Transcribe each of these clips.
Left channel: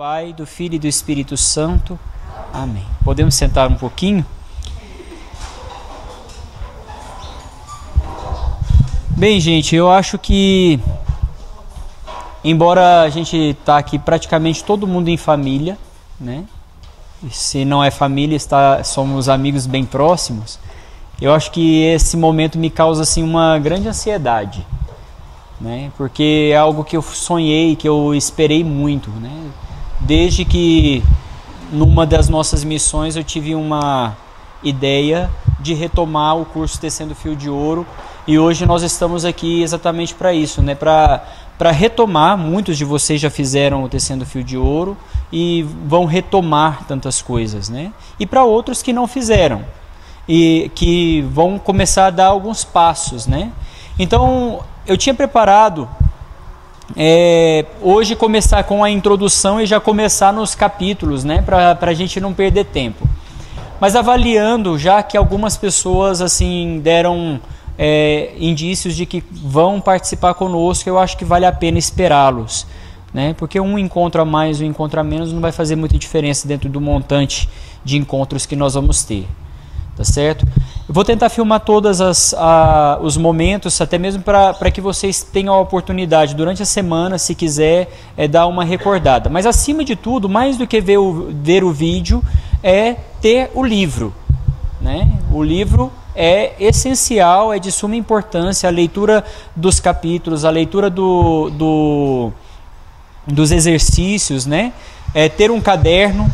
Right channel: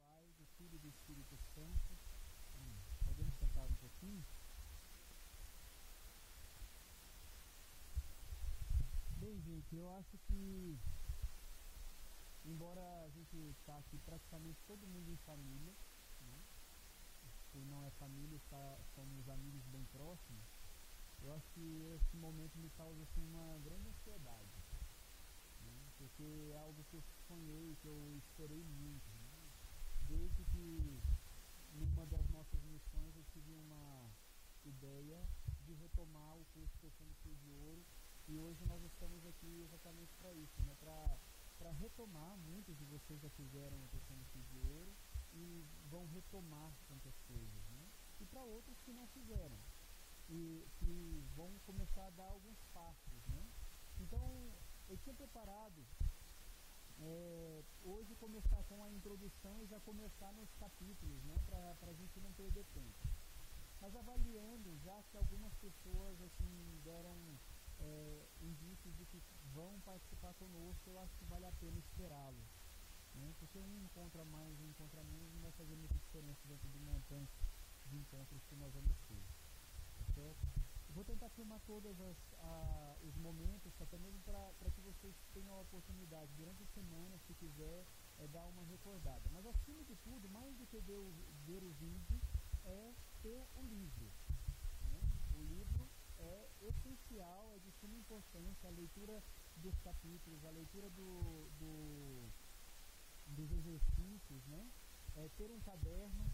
Pai, do Filho e do Espírito Santo. Amém. Podemos sentar um pouquinho? Bem, gente, eu acho que, embora a gente está aqui praticamente todo mundo em família, né? Se não é família, somos amigos bem próximos. Eu acho que esse momento me causa assim uma grande ansiedade, né? Porque é algo que eu sonhei, que eu esperei muito, né? Desde que numa das nossas missões eu tive uma ideia de retomar o curso Tecendo Fio de Ouro, e hoje nós estamos aqui exatamente para isso, né? Para retomar. Muitos de vocês já fizeram o Tecendo Fio de Ouro e vão retomar tantas coisas, né? E para outros que não fizeram e que vão começar a dar alguns passos, né? Então eu tinha preparado hoje começar com a introdução e já começar nos capítulos, né? Para a gente não perder tempo. Mas avaliando, já que algumas pessoas assim deram indícios de que vão participar conosco, eu acho que vale a pena esperá-los, né? Porque um encontro a mais, um encontro a menos não vai fazer muita diferença dentro do montante de encontros que nós vamos ter. Tá certo? Eu vou tentar filmar todos os momentos, até mesmo para que vocês tenham a oportunidade durante a semana, se quiser, dar uma recordada. Mas acima de tudo, mais do que ver o vídeo, é ter o livro, né? O livro é essencial, é de suma importância, a leitura dos capítulos, a leitura dos exercícios, né? Ter um caderno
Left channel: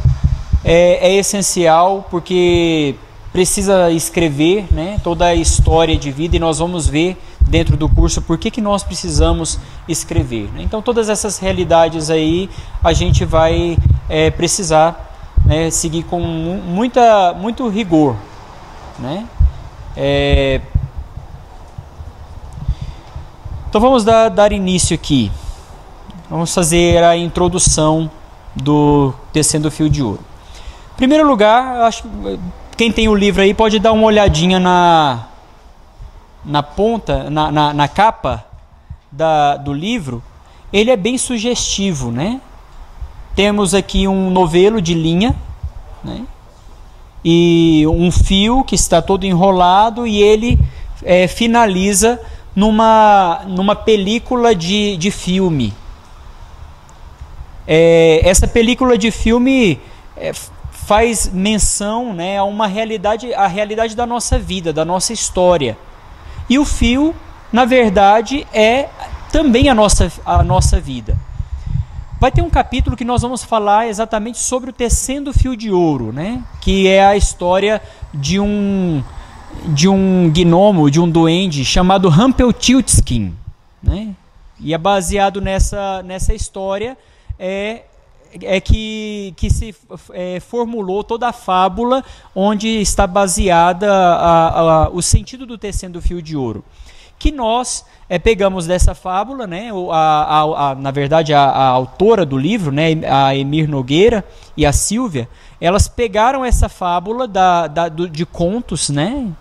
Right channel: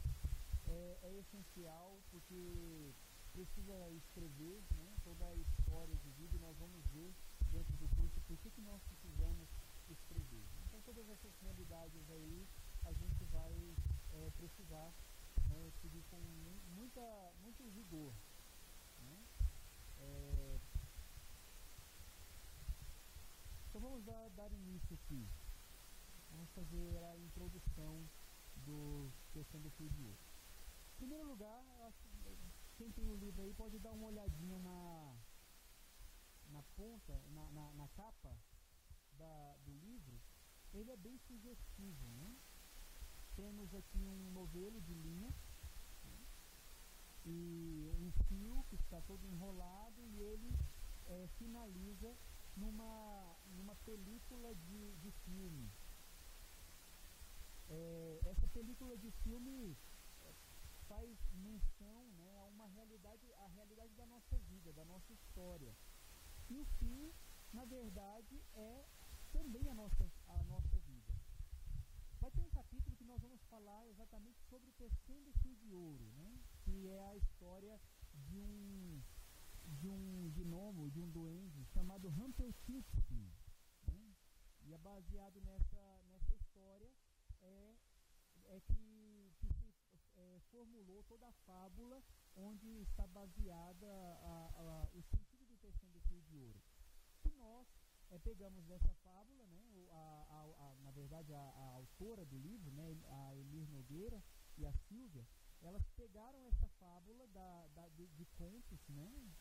é essencial, porque precisa escrever, né, toda a história de vida, e nós vamos ver dentro do curso por que nós precisamos escrever, né? Então todas essas realidades aí a gente vai precisar, né, seguir com muito rigor, né? Então vamos dar início aqui. Vamos fazer a introdução do Tecendo Fio de Ouro. Em primeiro lugar, acho que quem tem o livro aí pode dar uma olhadinha na ponta, na capa do livro. Ele é bem sugestivo, né? Temos aqui um novelo de linha, né? E um fio que está todo enrolado, e ele finaliza numa película de filme. Essa película de filme faz menção, né, a a realidade da nossa vida, da nossa história. E o fio, na verdade, é também a nossa vida. Vai ter um capítulo que nós vamos falar exatamente sobre o Tecendo Fio de Ouro, né, que é a história de um gnomo, de um duende chamado Rumpelstiltskin, né? E é baseado nessa história que se formulou toda a fábula onde está baseada o sentido do Tecendo Fio de Ouro, que nós pegamos dessa fábula, né? Na verdade a autora do livro, né, a Emir Nogueira e a Sílvia, elas pegaram essa fábula de contos, né,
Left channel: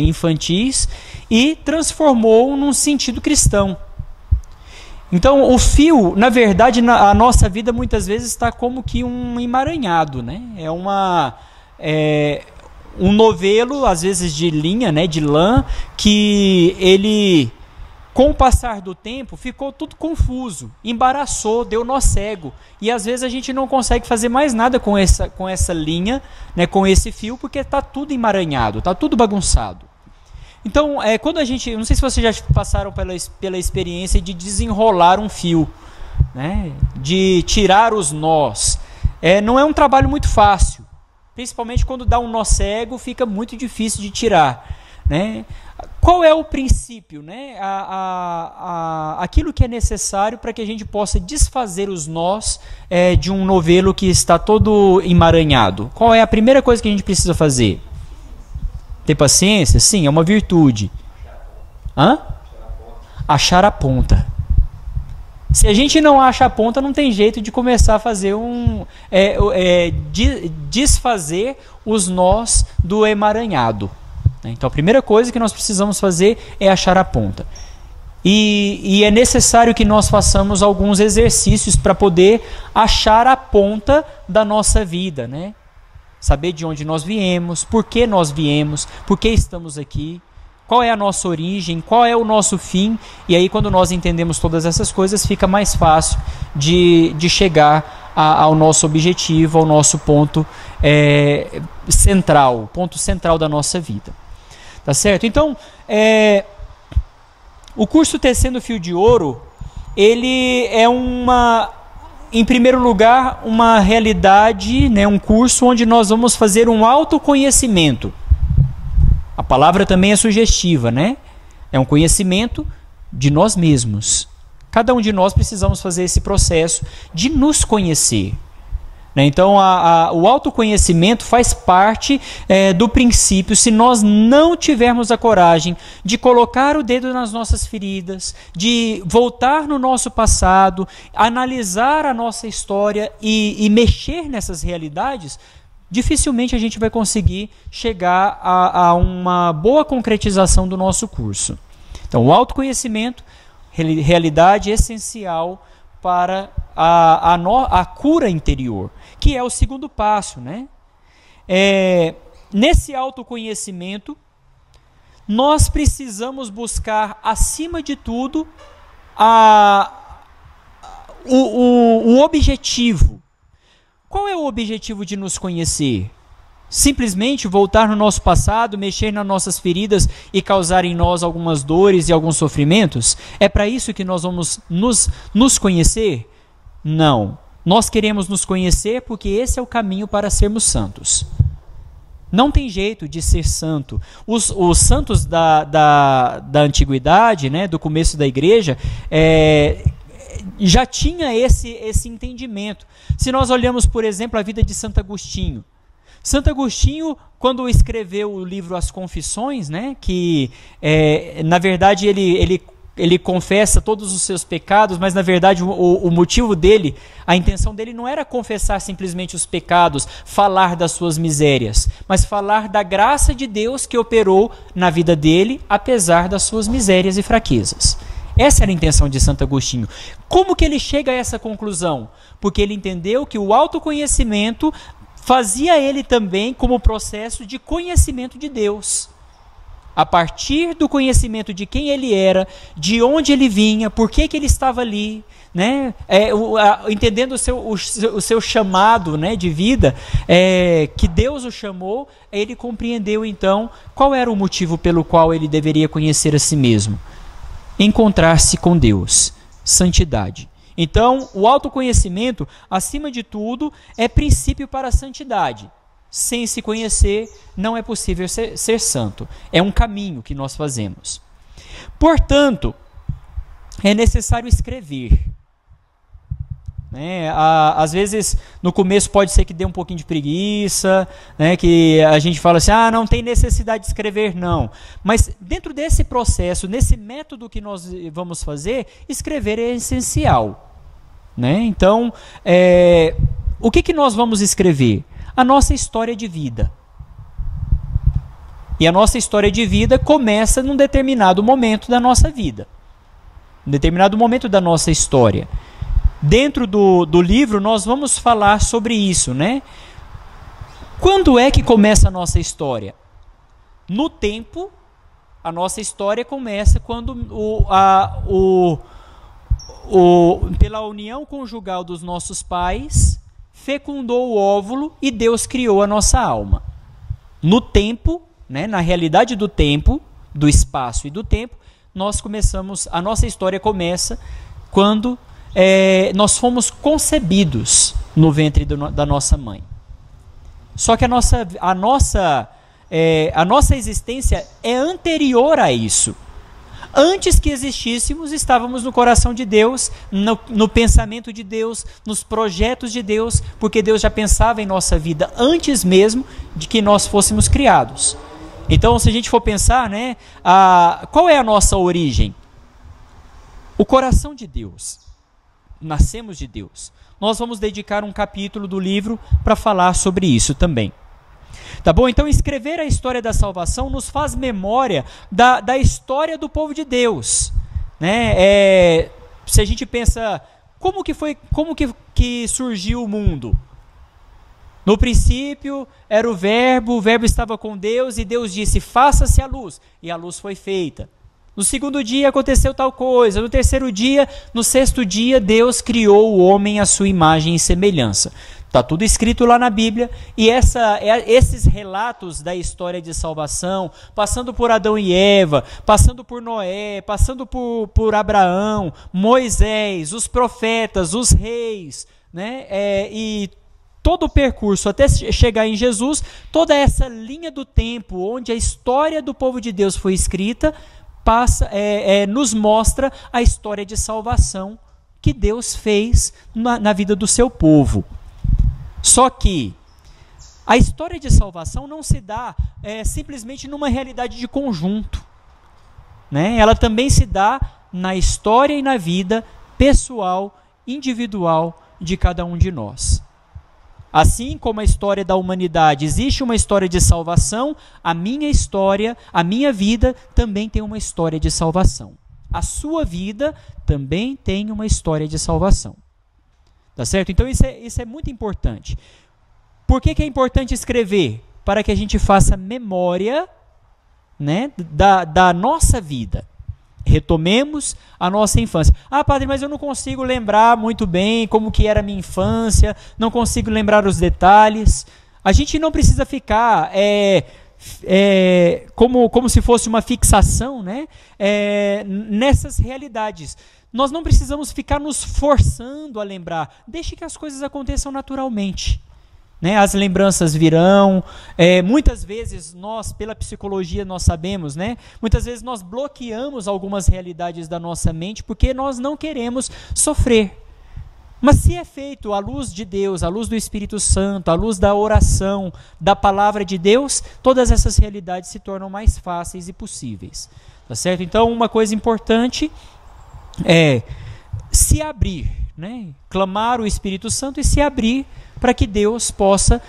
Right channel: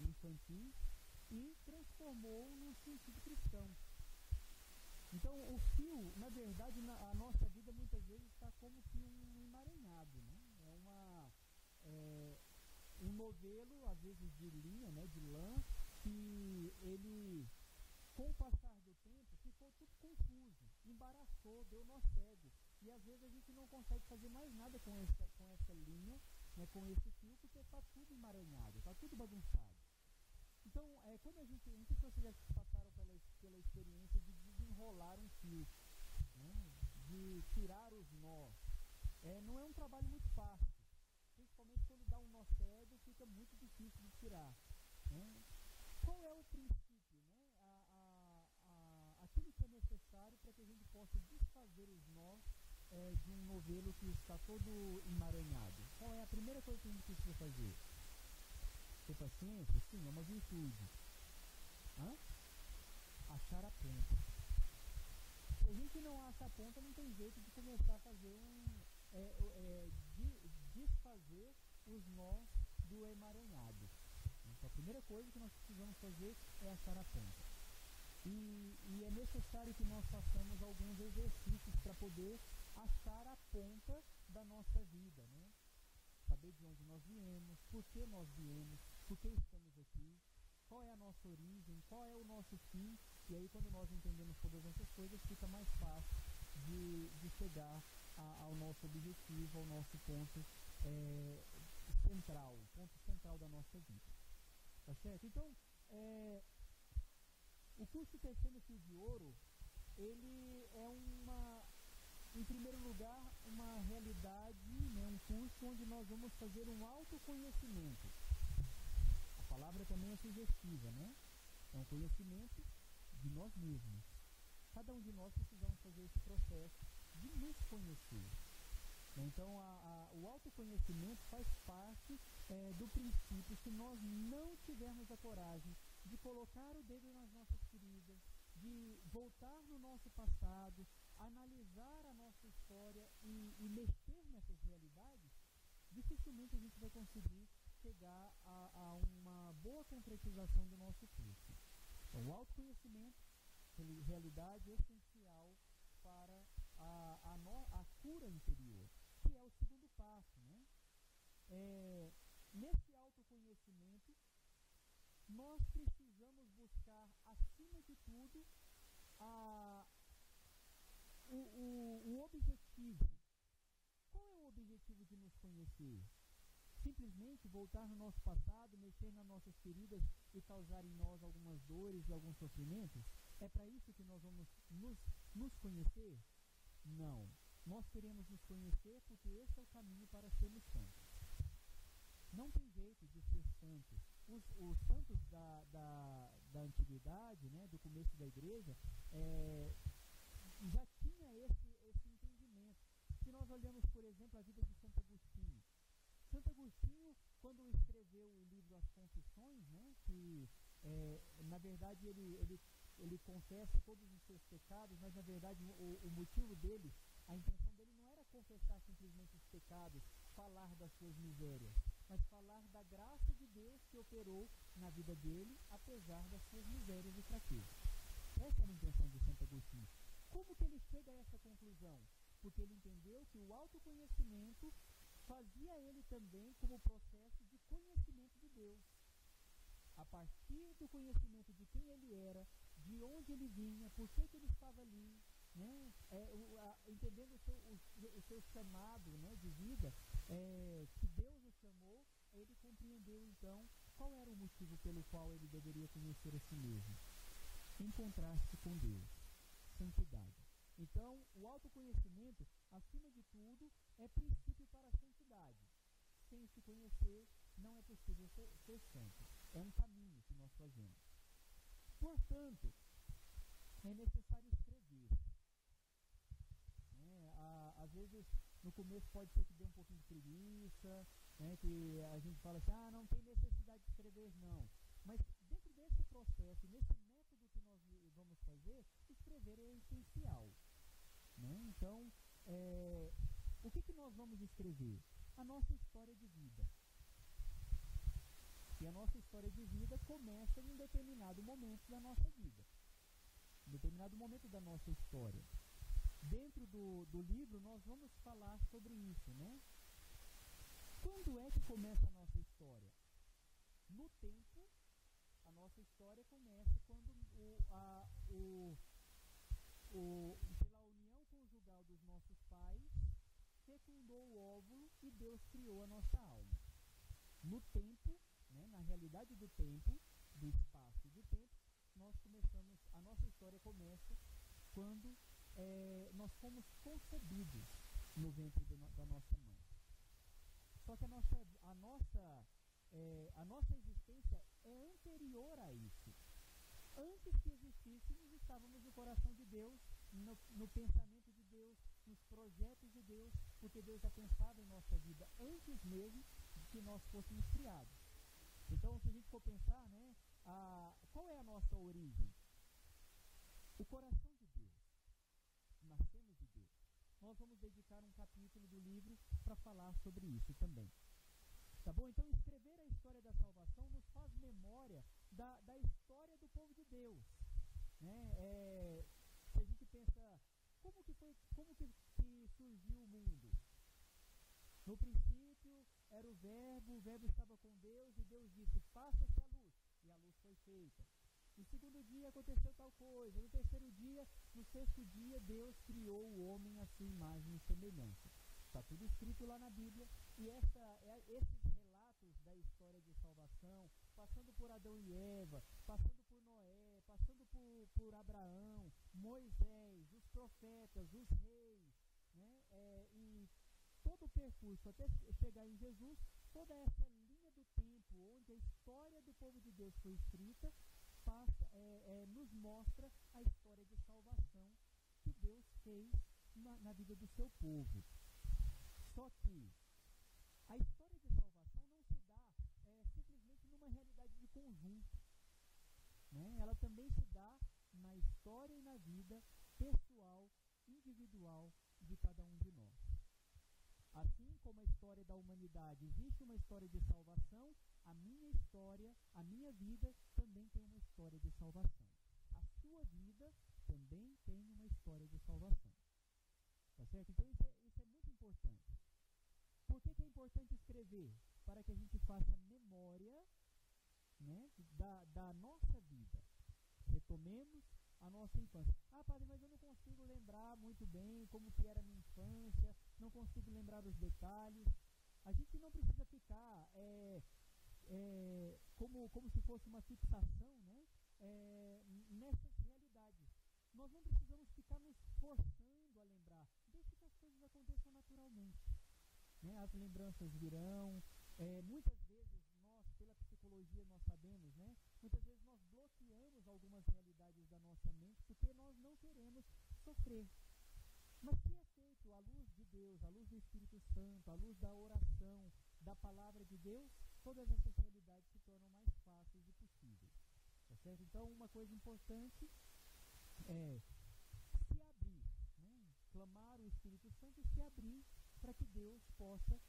infantis, e transformou num sentido cristão. Então o fio, na verdade, a nossa vida muitas vezes está como que um emaranhado, né? Um novelo, às vezes de linha, né, de lã, que ele, com o passar do tempo, ficou tudo confuso, embaraçou, deu nó cego, e às vezes a gente não consegue fazer mais nada com essa linha, né, com esse fio, porque está tudo emaranhado, está tudo bagunçado. Então, quando a gente, não sei se vocês já passaram pela experiência de desenrolar um fio, né, de tirar os nós, não é um trabalho muito fácil, principalmente quando dá um nó cego, fica muito difícil de tirar, né? Qual é o princípio, né? Aquilo que é necessário para que a gente possa desfazer os nós de um novelo que está todo emaranhado? Qual é a primeira coisa que a gente precisa fazer? Ter paciência? Sim, é uma virtude. Achar a ponta. Se a gente não acha a ponta, não tem jeito de começar a fazer desfazer os nós do emaranhado. Então a primeira coisa que nós precisamos fazer é achar a ponta. E é necessário que nós façamos alguns exercícios para poder achar a ponta da nossa vida, né? Saber de onde nós viemos, por que estamos aqui, qual é a nossa origem, qual é o nosso fim. E aí, quando nós entendemos todas essas coisas, fica mais fácil de chegar ao nosso objetivo, ao nosso ponto central, o ponto central da nossa vida. Tá certo? Então, o curso Tecendo Fio de Ouro, ele é em primeiro lugar, uma realidade, né, um curso onde nós vamos fazer um autoconhecimento. A palavra também é sugestiva, né? É um conhecimento de nós mesmos. Cada um de nós precisamos fazer esse processo de nos conhecer. Então, o autoconhecimento faz parte do princípio. Se nós não tivermos a coragem de colocar o dedo nas nossas feridas, de voltar no nosso passado, analisar a nossa história e mexer nessas realidades, dificilmente a gente vai conseguir chegar a uma boa concretização do nosso curso. Então, o autoconhecimento, realidade essencial para a cura interior, que é o segundo passo, né? Nesse autoconhecimento, nós precisamos buscar, acima de tudo, o objetivo. Qual é o objetivo de nos conhecer? Simplesmente voltar no nosso passado, mexer nas nossas feridas e causar em nós algumas dores e alguns sofrimentos? É para isso que nós vamos nos conhecer? Não. Nós queremos nos conhecer porque esse é o caminho para sermos santos. Não tem jeito de ser santo. Os santos da antiguidade, né, do começo da igreja, já tinha esse entendimento. Se nós olhamos, por exemplo, a vida de Santo Agostinho. Santo Agostinho, quando escreveu o livro As Confissões, né, que na verdade ele confessa todos os seus pecados, mas na verdade o motivo dele, a intenção dele não era confessar simplesmente os pecados, falar das suas misérias, mas falar da graça de Deus que operou na vida dele, apesar das suas misérias e fraquezas. Essa era a intenção de Santo Agostinho. Como que ele chega a essa conclusão? Porque ele entendeu que o autoconhecimento fazia ele também como processo de conhecimento de Deus. A partir do conhecimento de quem ele era, de onde ele vinha, por que ele estava ali, né? Entendendo o seu chamado, né, de vida, que Deus o chamou, ele compreendeu então qual era o motivo pelo qual ele deveria conhecer a si mesmo. Encontrar-se com Deus, santidade. Então, o autoconhecimento, acima de tudo, é princípio para a santidade. Sem se conhecer, não é possível ser santo. É um caminho que nós fazemos. Portanto, é necessário escrever. Às vezes, no começo pode ser que dê um pouquinho de preguiça, né, que a gente fala assim, não tem necessidade de escrever, não. Mas dentro desse processo, nesse método que nós vamos fazer, escrever é essencial. Né? Então, o que nós vamos escrever? A nossa história de vida. E a nossa história de vida começa num determinado momento da nossa vida. Num determinado momento da nossa história. Dentro do livro, nós vamos falar sobre isso, né? Quando é que começa a nossa história? No tempo, a nossa história começa quando pela união conjugal dos nossos pais, fecundou o óvulo e Deus criou a nossa alma. No tempo, né, na realidade do tempo, do espaço e do tempo, a nossa história começa quando nós fomos concebidos no ventre da nossa mãe. Só que a nossa existência é anterior a isso. Antes que existíssemos, estávamos no coração de Deus, no pensamento de Deus, nos projetos de Deus, porque Deus já pensava em nossa vida antes mesmo de que nós fôssemos criados. Então, se a gente for pensar, né, qual é a nossa origem? O coração de Deus. Nascemos de Deus. Nós vamos dedicar um capítulo do livro para falar sobre isso também. Tá bom? Então, escrever a história da salvação nos faz memória da história do povo de Deus. né? Se a gente pensa, como que surgiu o mundo? No princípio era o verbo estava com Deus e Deus disse, faça-se a luz, e a luz foi feita. No segundo dia aconteceu tal coisa, no terceiro dia, no sexto dia, Deus criou o homem à sua imagem e semelhança. Está tudo escrito lá na Bíblia, e esses relatos da história de salvação, passando por Adão e Eva, passando por Noé, passando por Abraão, Moisés, os profetas, os reis, né? E todo o percurso até chegar em Jesus, toda essa linha do tempo onde a história do povo de Deus foi escrita, nos mostra a história de salvação que Deus fez na vida do seu povo. Só que a história de salvação não se dá simplesmente numa realidade de conjunto, né? Ela também se dá na história e na vida pessoal, individual de cada um de nós. Assim como a história da humanidade existe uma história de salvação, a minha história, a minha vida também tem uma história de salvação. A sua vida também tem uma história de salvação. Tá certo? Então isso é muito importante. Por que é importante escrever? Para que a gente faça memória, né, da nossa vida. Retomemos a nossa infância. Ah, padre, mas eu não consigo lembrar muito bem como que era a minha infância, não consigo lembrar os detalhes. A gente não precisa ficar como se fosse uma fixação, né, nessas realidades. Nós não precisamos ficar nos forçando a lembrar. Deixe que as coisas aconteçam naturalmente. Né? As lembranças virão, muitas vezes nós, pela psicologia, nós sabemos, né? Muitas vezes nós bloqueamos algumas realidades da nossa mente porque nós não queremos sofrer. Mas se é feito à luz de Deus, à luz do Espírito Santo, à luz da oração, da palavra de Deus, todas essas realidades se tornam mais fáceis e possíveis. Tá certo? Então, uma coisa importante é se abrir, né? Clamar o Espírito Santo e se abrir para que Deus possa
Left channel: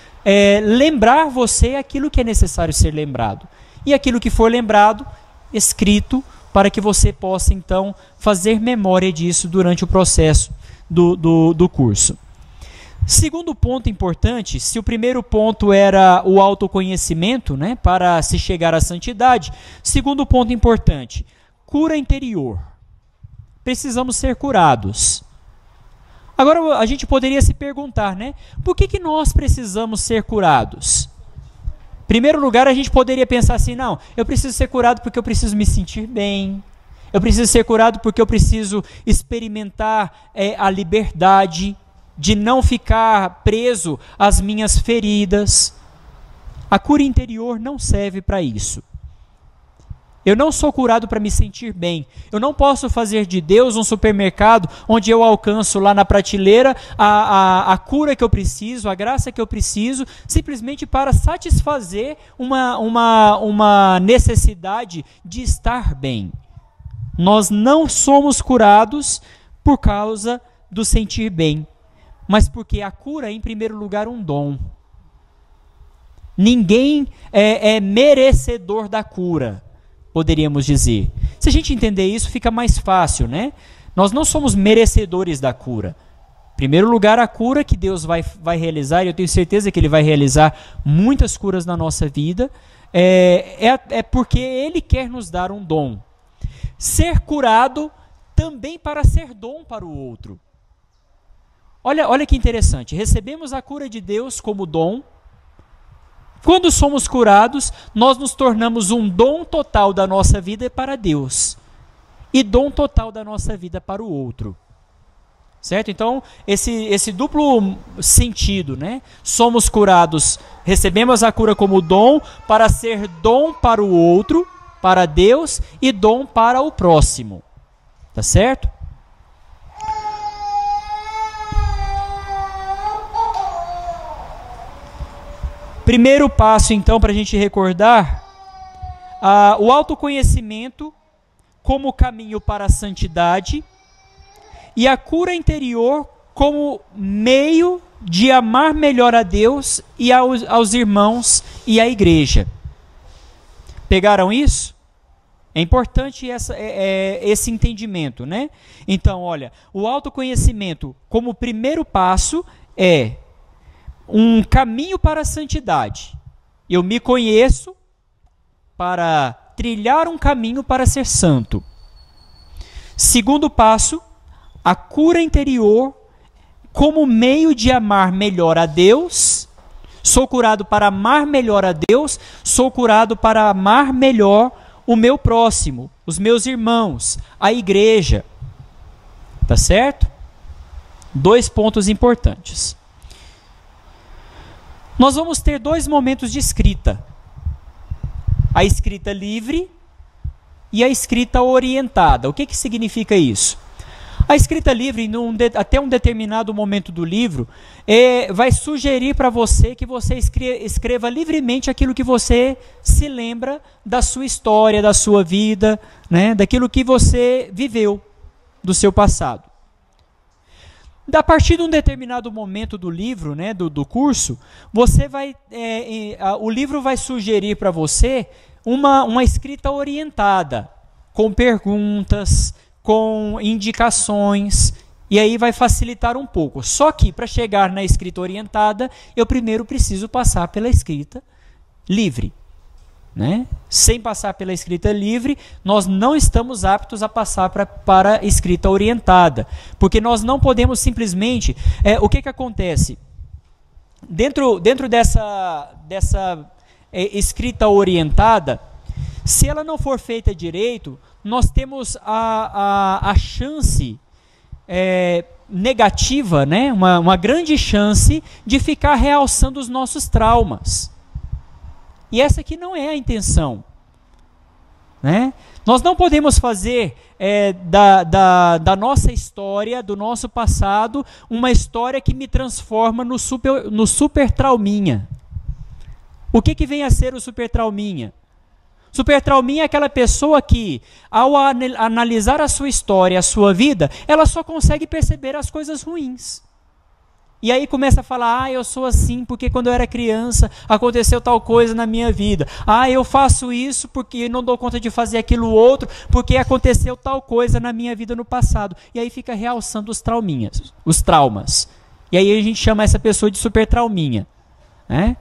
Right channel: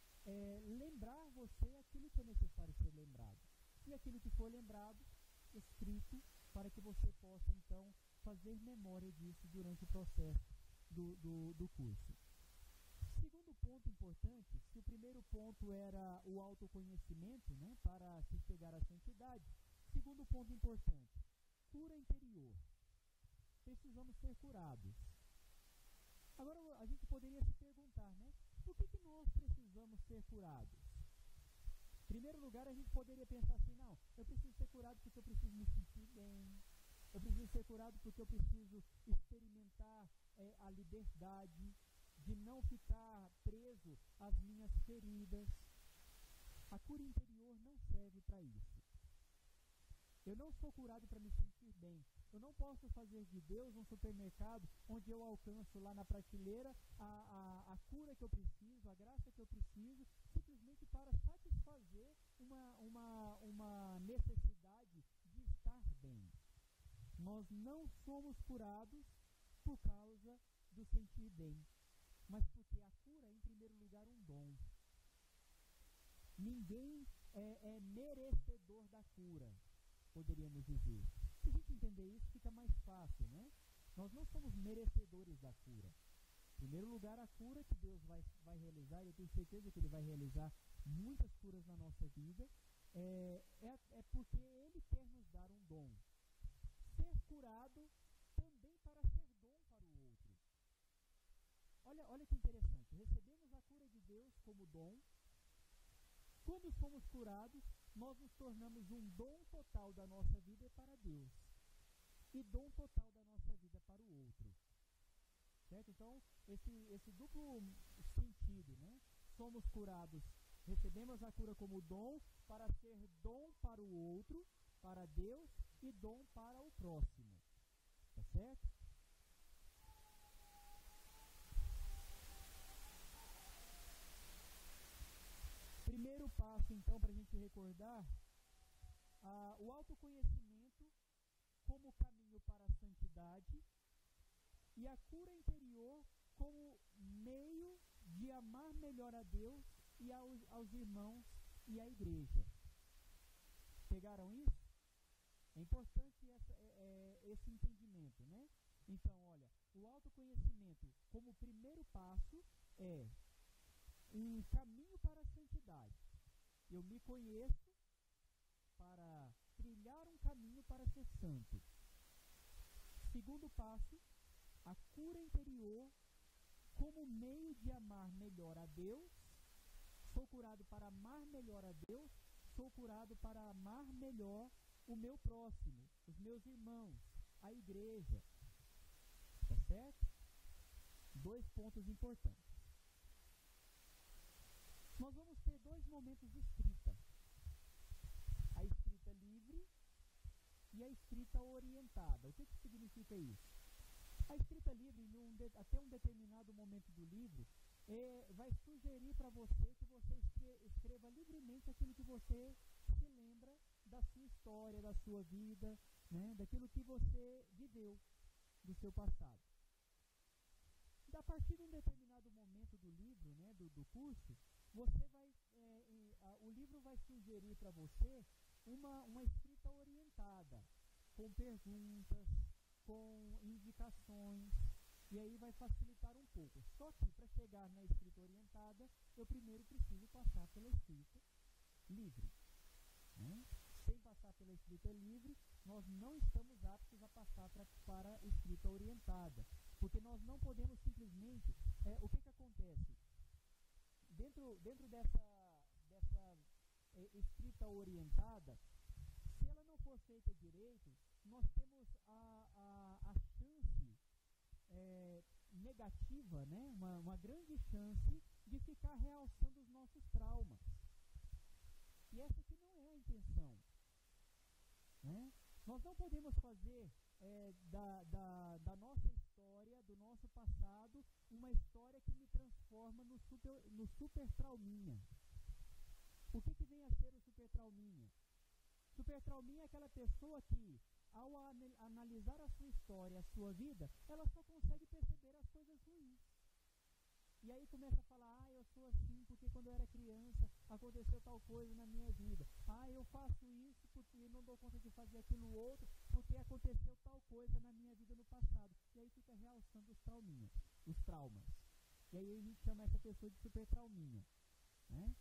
lembrar você aquilo que é necessário ser lembrado. E aquilo que for lembrado, escrito, para que você possa, então, fazer memória disso durante o processo do curso. Segundo ponto importante, se o primeiro ponto era o autoconhecimento, né, para se chegar à santidade, segundo ponto importante, cura interior. Precisamos ser curados. Agora, a gente poderia se perguntar, né? Por que nós precisamos ser curados? Em primeiro lugar, a gente poderia pensar assim, não, eu preciso ser curado porque eu preciso me sentir bem. Eu preciso ser curado porque eu preciso experimentar a liberdade de não ficar preso às minhas feridas. A cura interior não serve para isso. Eu não sou curado para me sentir bem. Eu não posso fazer de Deus um supermercado onde eu alcanço lá na prateleira a cura que eu preciso, a graça que eu preciso, simplesmente para satisfazer uma necessidade de estar bem. Nós não somos curados por causa do sentir bem, mas porque a cura é, em primeiro lugar, um dom. Ninguém é merecedor da cura, poderíamos dizer. Se a gente entender isso, fica mais fácil, né? Nós não somos merecedores da cura. Em primeiro lugar, a cura que Deus vai realizar, e eu tenho certeza que Ele vai realizar muitas curas na nossa vida, é porque Ele quer nos dar um dom. Ser curado também para ser dom para o outro. Olha que interessante, recebemos a cura de Deus como dom. Quando somos curados, nós nos tornamos um dom total da nossa vida para Deus e dom total da nossa vida para o outro. Certo? Então, esse duplo sentido, né? Somos curados, recebemos a cura como dom para ser dom para o outro, para Deus e dom para o próximo. Tá certo? Primeiro passo, então, para a gente recordar, o autoconhecimento como caminho para a santidade e a cura interior como meio de amar melhor a Deus e aos irmãos e à igreja. Pegaram isso? É importante esse entendimento, né? Então, olha, o autoconhecimento como primeiro passo é um caminho para a santidade. Eu me conheço para trilhar um caminho para ser santo. Segundo passo, a cura interior como meio de amar melhor a Deus. Sou curado para amar melhor a Deus, sou curado para amar melhor o meu próximo, os meus irmãos, a igreja. Tá certo? 2 pontos importantes. Nós vamos ter 2 momentos de escrita. A escrita livre e a escrita orientada. O que significa isso? A escrita livre, até um determinado momento do livro, vai sugerir para você que você escreva livremente aquilo que você se lembra da sua história, da sua vida, né, daquilo que você viveu, do seu passado. A partir de um determinado momento do livro, né, do curso, o livro vai sugerir para você uma escrita orientada, com perguntas, com indicações, e aí vai facilitar um pouco. Só que, para chegar na escrita orientada, eu primeiro preciso passar pela escrita livre. Né? Sem passar pela escrita livre, nós não estamos aptos a passar para a escrita orientada, porque nós não podemos simplesmente... o que acontece? Dentro dessa escrita orientada, se ela não for feita direito, nós temos a chance negativa, né? uma grande chance de ficar realçando os nossos traumas. E essa aqui não é a intenção. Né? Nós não podemos fazer da nossa história, do nosso passado, uma história que me transforma no super trauminha. O que vem a ser o super trauminha? Super trauminha é aquela pessoa que, ao analisar a sua história, a sua vida, ela só consegue perceber as coisas ruins. E aí começa a falar, eu sou assim porque quando eu era criança aconteceu tal coisa na minha vida. Eu faço isso porque não dou conta de fazer aquilo outro, porque aconteceu tal coisa na minha vida no passado. E aí fica realçando os traumas. E aí a gente chama essa pessoa de super trauminha. Né?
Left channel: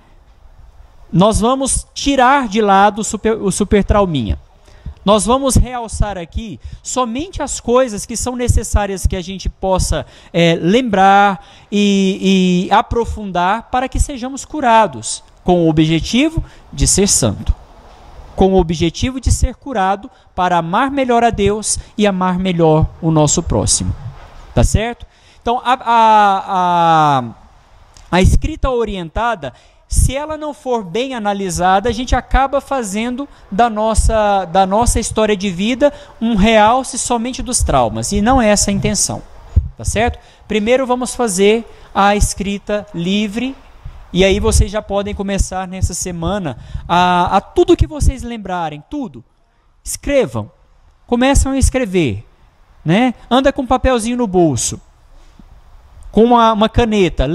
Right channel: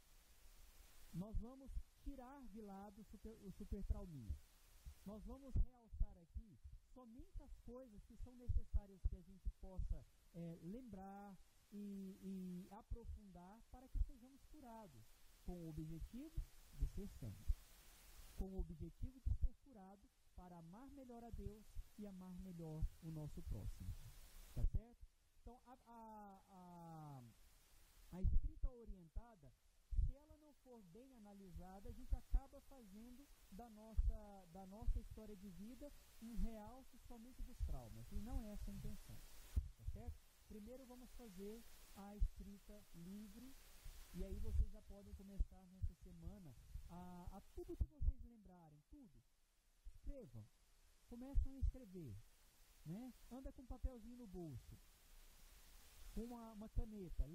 Nós vamos tirar de lado o super trauminha. Nós vamos realçar aqui somente as coisas que são necessárias que a gente possa lembrar e aprofundar para que sejamos curados, com o objetivo de ser santo, com o objetivo de ser curado para amar melhor a Deus e amar melhor o nosso próximo. Tá certo? Então, a escrita orientada, se ela não for bem analisada, a gente acaba fazendo da nossa história de vida um realce somente dos traumas, e não é essa a intenção, tá certo? Primeiro vamos fazer a escrita livre, e aí vocês já podem começar nessa semana a tudo que vocês lembrarem, tudo, escrevam, começam a escrever, né? Anda com um papelzinho no bolso, com uma caneta,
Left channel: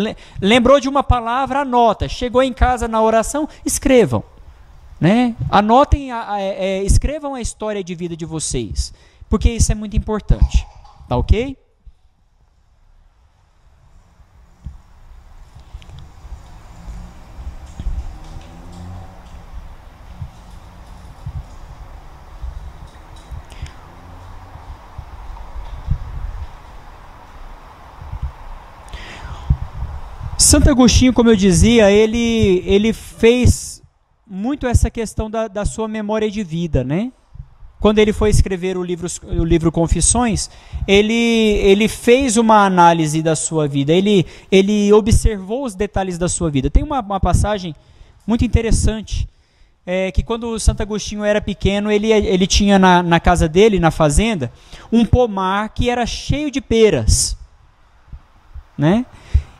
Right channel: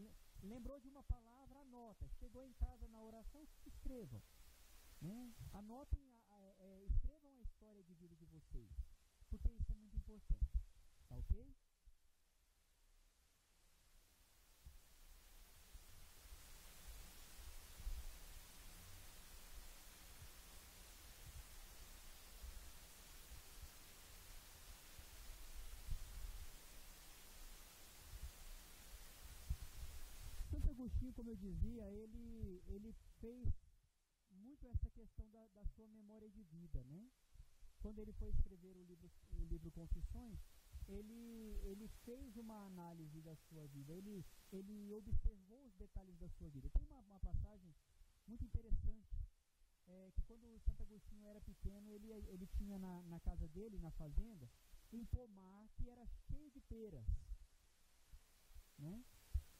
lembrou de uma palavra, anota, chegou em casa na oração, escrevam, né? Anotem, escrevam a história de vida de vocês, porque isso é muito importante, tá ok? Santo Agostinho, como eu dizia, ele fez muito essa questão da sua memória de vida, né? Quando ele foi escrever o livro Confissões, ele fez uma análise da sua vida, ele observou os detalhes da sua vida. Tem uma passagem muito interessante, que quando o Santo Agostinho era pequeno, ele tinha na casa dele, na fazenda, um pomar que era cheio de peras, né?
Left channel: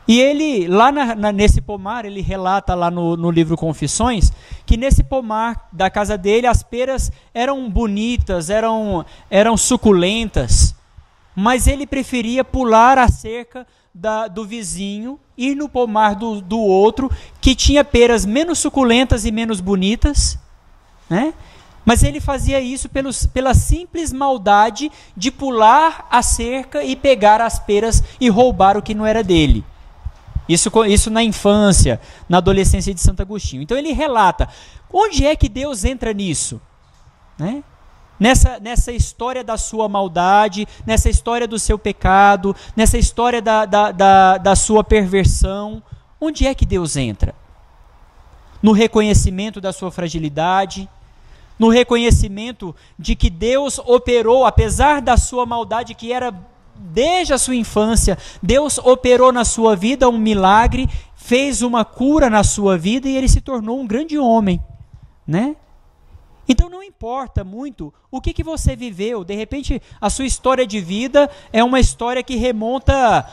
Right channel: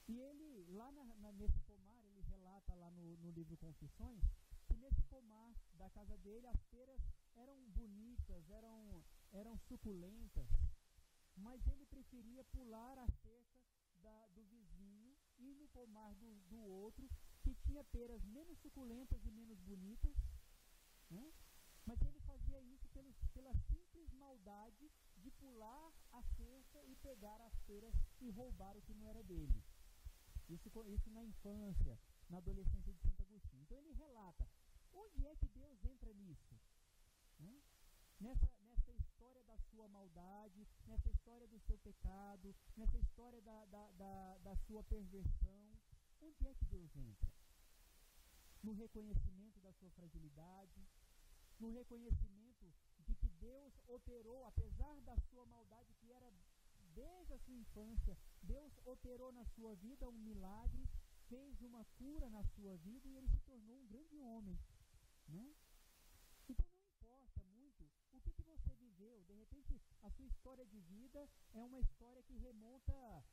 E ele, lá nesse pomar, ele relata lá no livro Confissões, que nesse pomar da casa dele, as peras eram bonitas, eram suculentas, mas ele preferia pular a cerca do vizinho, ir no pomar do outro, que tinha peras menos suculentas e menos bonitas, né? Mas ele fazia isso pela simples maldade de pular a cerca e pegar as peras e roubar o que não era dele. Isso na infância, na adolescência de Santo Agostinho. Então ele relata, onde é que Deus entra nisso? Né? Nessa história da sua maldade, nessa história do seu pecado, nessa história da sua perversão, onde é que Deus entra? No reconhecimento da sua fragilidade, no reconhecimento de que Deus operou, apesar da sua maldade que era desde a sua infância, Deus operou na sua vida um milagre, fez uma cura na sua vida e ele se tornou um grande homem, né? Então não importa muito o que você viveu, de repente a sua história de vida é uma história que remonta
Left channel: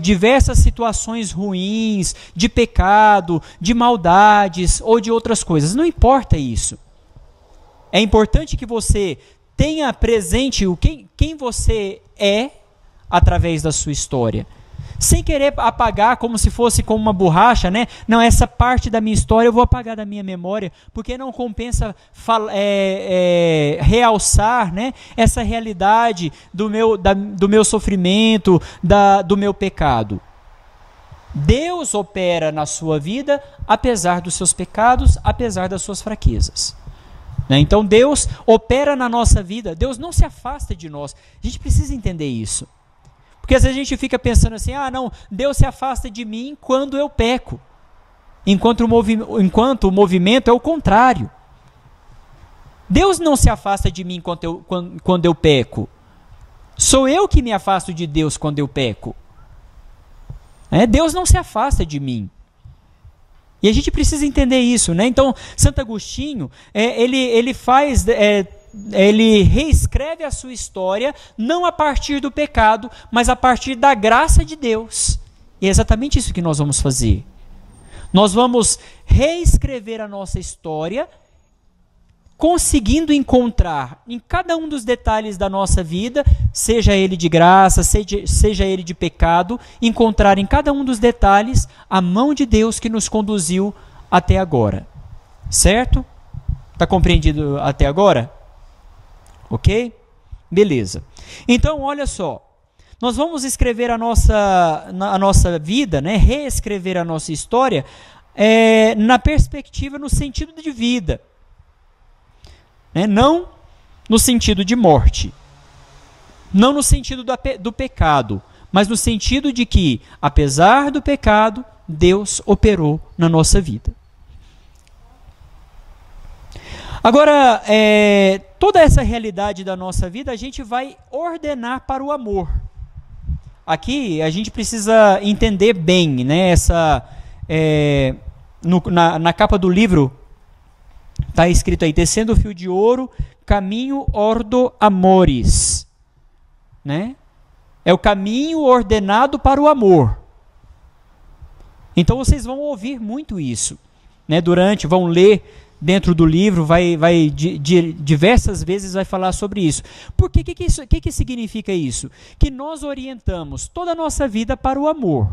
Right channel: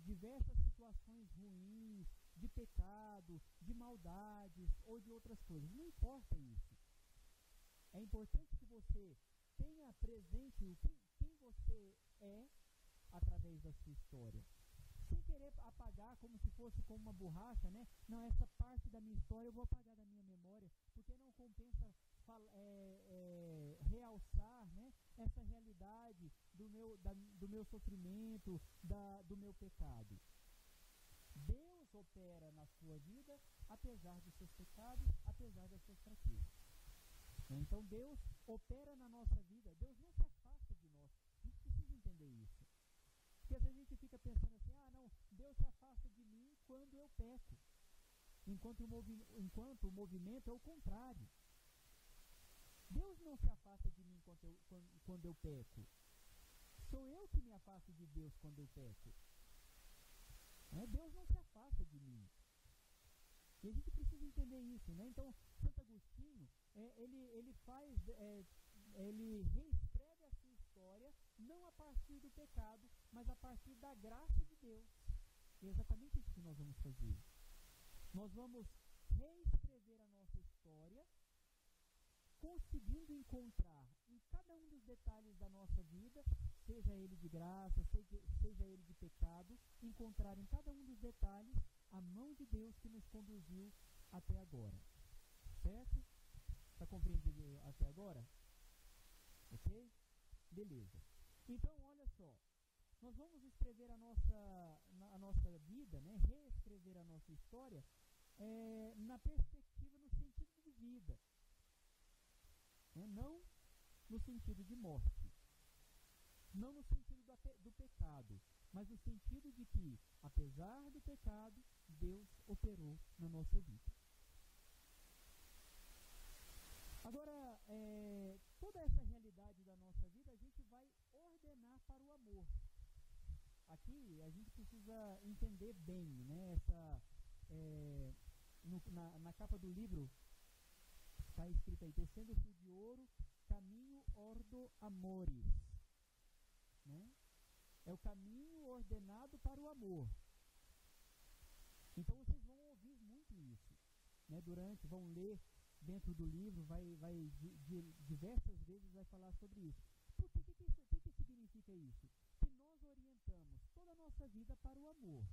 diversas situações ruins, de pecado, de maldades ou de outras coisas, não importa isso. É importante que você tenha presente quem você é através da sua história. Sem querer apagar como se fosse com uma borracha, né? Não, essa parte da minha história eu vou apagar da minha memória, porque não compensa realçar, né, essa realidade do meu sofrimento, do meu pecado. Deus opera na sua vida, apesar dos seus pecados, apesar das suas fraquezas. Né? Então Deus opera na nossa vida, Deus não se afasta de nós. A gente precisa entender isso. Porque às vezes a gente fica pensando assim, não, Deus se afasta de mim quando eu peco. Enquanto o movimento é o contrário. Deus não se afasta de mim quando eu peco. Sou eu que me afasto de Deus quando eu peco. Deus não se afasta de mim. E a gente precisa entender isso, né? Então, Santo Agostinho, ele reescreve a sua história, não a partir do pecado, mas a partir da graça de Deus. E é exatamente isso que nós vamos fazer. Nós vamos reescrever a nossa história, conseguindo encontrar em cada um dos detalhes da nossa vida, seja ele de graça, seja ele de pecado, encontrar em cada um dos detalhes a mão de Deus que nos conduziu até agora. Certo? Está compreendido até agora? Ok? Beleza. Então, olha só. Nós vamos escrever a nossa vida, né? Reescrever a nossa história na perspectiva, no sentido de vida. Não no sentido de morte, não no sentido do pecado, mas no sentido de que, apesar do pecado, Deus operou na nossa vida. Agora, toda essa realidade da nossa vida, a gente vai ordenar para o amor. Aqui, a gente precisa entender bem, né, na capa do livro, está escrito aí, tecendo o fio de ouro, caminho ordo amores. Né? É o caminho ordenado para o amor. Então vocês vão ouvir muito isso. Né? Vão ler dentro do livro, diversas vezes vai falar sobre isso. Por quê? O que significa isso? Que nós orientamos toda a nossa vida para o amor.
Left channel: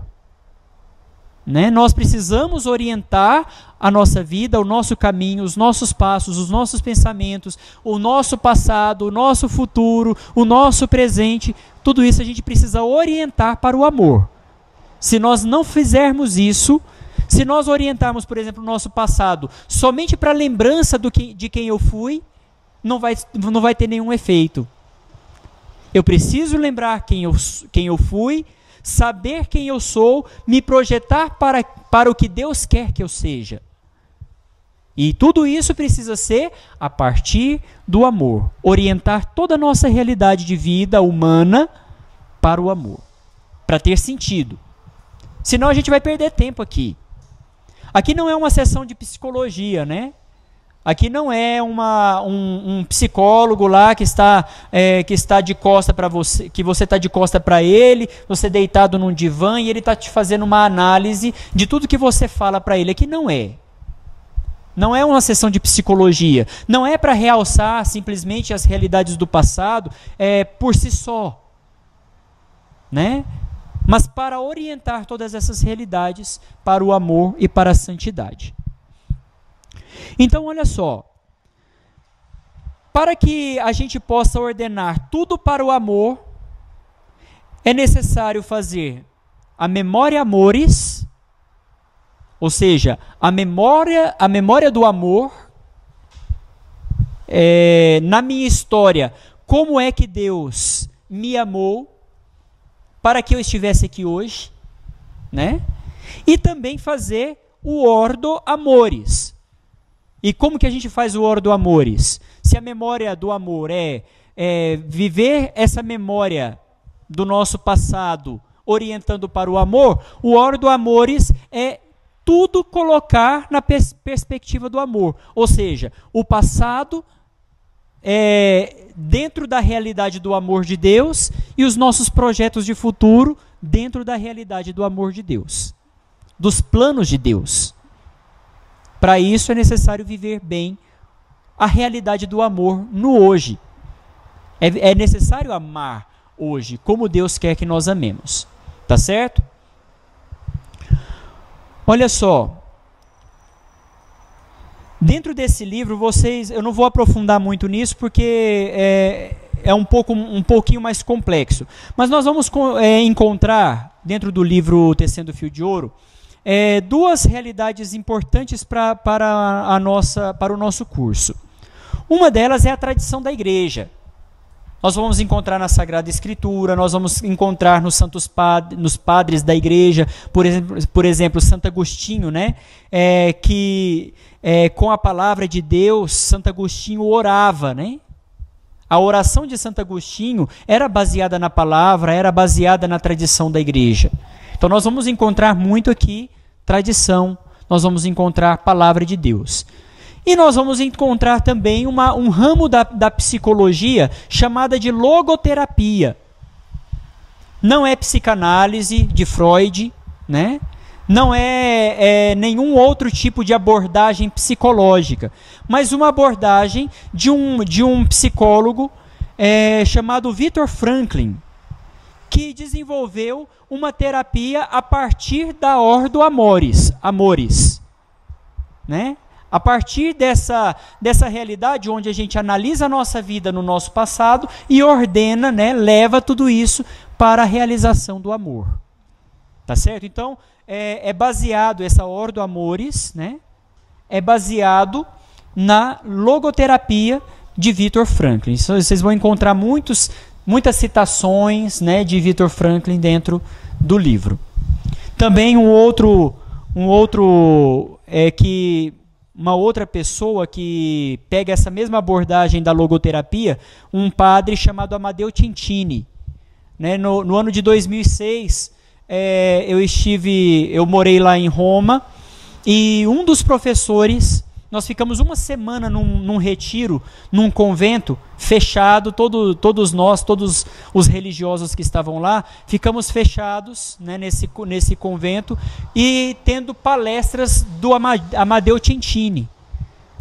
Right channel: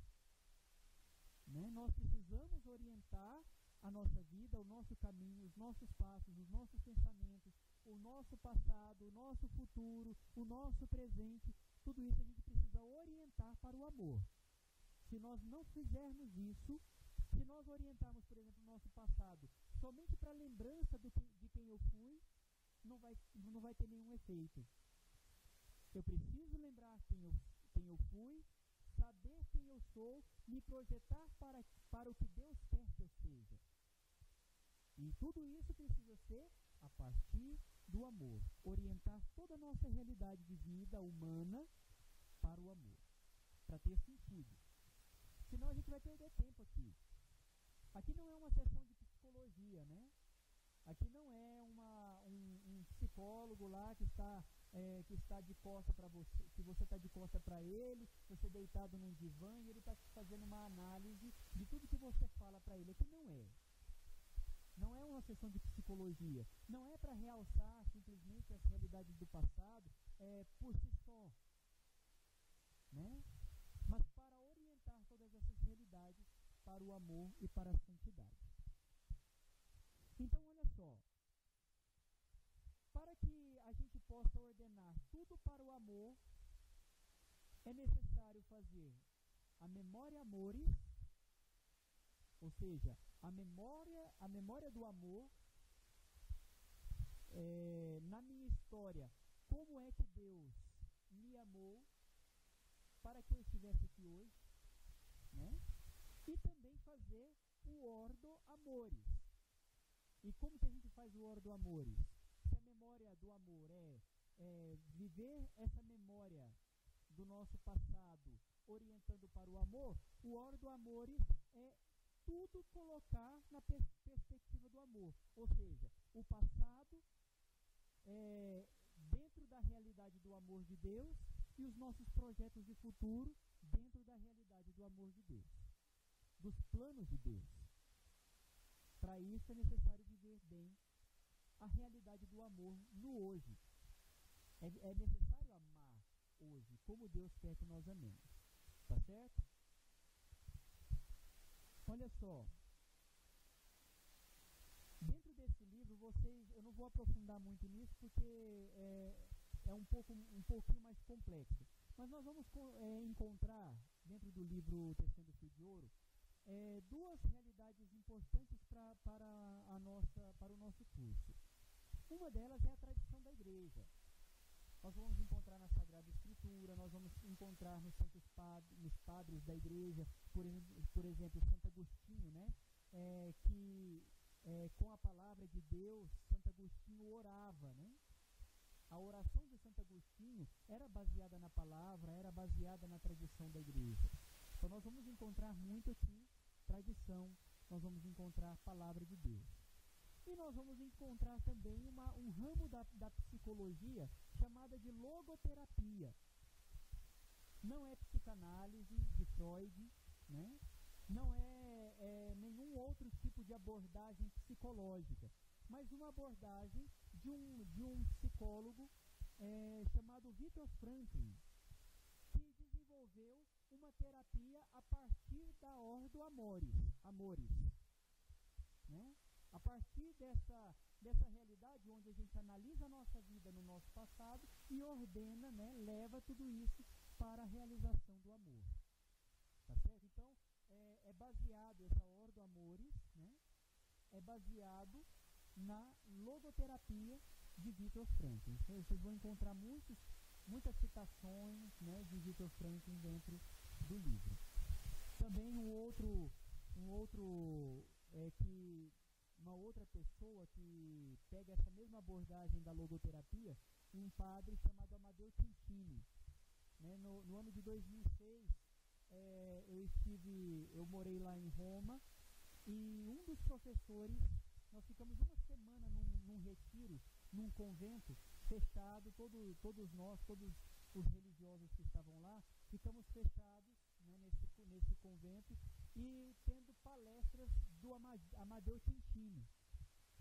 Né? Nós precisamos orientar a nossa vida, o nosso caminho, os nossos passos, os nossos pensamentos, o nosso passado, o nosso futuro, o nosso presente, tudo isso a gente precisa orientar para o amor. Se nós não fizermos isso, se nós orientarmos, por exemplo, o nosso passado somente para a lembrança de quem eu fui, não vai ter nenhum efeito. Eu preciso lembrar quem eu fui, saber quem eu sou, me projetar para o que Deus quer que eu seja. E tudo isso precisa ser a partir do amor. Orientar toda a nossa realidade de vida humana para o amor. Para ter sentido. Senão a gente vai perder tempo aqui. Aqui não é uma sessão de psicologia, né? Aqui não é um psicólogo lá que está de costa para você, que você está de costa para ele, você deitado num divã e ele está te fazendo uma análise de tudo que você fala para ele. Aqui não é. Não é uma sessão de psicologia. Não é para realçar simplesmente as realidades do passado por si só. Né? Mas para orientar todas essas realidades para o amor e para a santidade. Então, olha só, para que a gente possa ordenar tudo para o amor, é necessário fazer a memória amores, ou seja, a memória do amor, na minha história, como é que Deus me amou para que eu estivesse aqui hoje, né? E também fazer o ordo amores. E como que a gente faz o ordo amores? Se a memória do amor é viver essa memória do nosso passado orientando para o amor, o ordo amores é tudo colocar na perspectiva do amor. Ou seja, o passado dentro da realidade do amor de Deus e os nossos projetos de futuro dentro da realidade do amor de Deus, dos planos de Deus. Para isso é necessário viver bem a realidade do amor no hoje. É necessário amar hoje, como Deus quer que nós amemos. Tá certo? Olha só. Dentro desse livro, eu não vou aprofundar muito nisso, porque é um pouquinho mais complexo. Mas nós vamos encontrar, dentro do livro Tecendo Fio de Ouro, duas realidades importantes para o nosso curso. Uma delas é a tradição da igreja. Nós vamos encontrar na Sagrada Escritura, nós vamos encontrar nos nos padres da igreja, por exemplo, Santo Agostinho, né? Que com a palavra de Deus, Santo Agostinho orava, né? A oração de Santo Agostinho era baseada na palavra, era baseada na tradição da igreja. Então nós vamos encontrar muito aqui tradição, nós vamos encontrar palavra de Deus. E nós vamos encontrar também um ramo da psicologia chamada de logoterapia. Não é psicanálise de Freud, né? Não é nenhum outro tipo de abordagem psicológica, mas uma abordagem de um psicólogo chamado Viktor Frankl, que desenvolveu uma terapia a partir da ordo amores, né? A partir dessa realidade onde a gente analisa a nossa vida no nosso passado e ordena, né, leva tudo isso para a realização do amor. Tá certo? Então, baseado, essa ordo amores, né, é baseado na logoterapia de Viktor Frankl. Então, vocês vão encontrar muitas citações, né, de Viktor Frankl dentro do livro. Também uma outra pessoa que pega essa mesma abordagem da logoterapia, um padre chamado Amadeu Cintini. Né? No ano de 2006, eu morei lá em Roma, e um dos professores, nós ficamos uma semana num retiro, num convento fechado, todos os religiosos que estavam lá, ficamos fechados, né, nesse convento, e tendo palestras do Amadeu Cintini.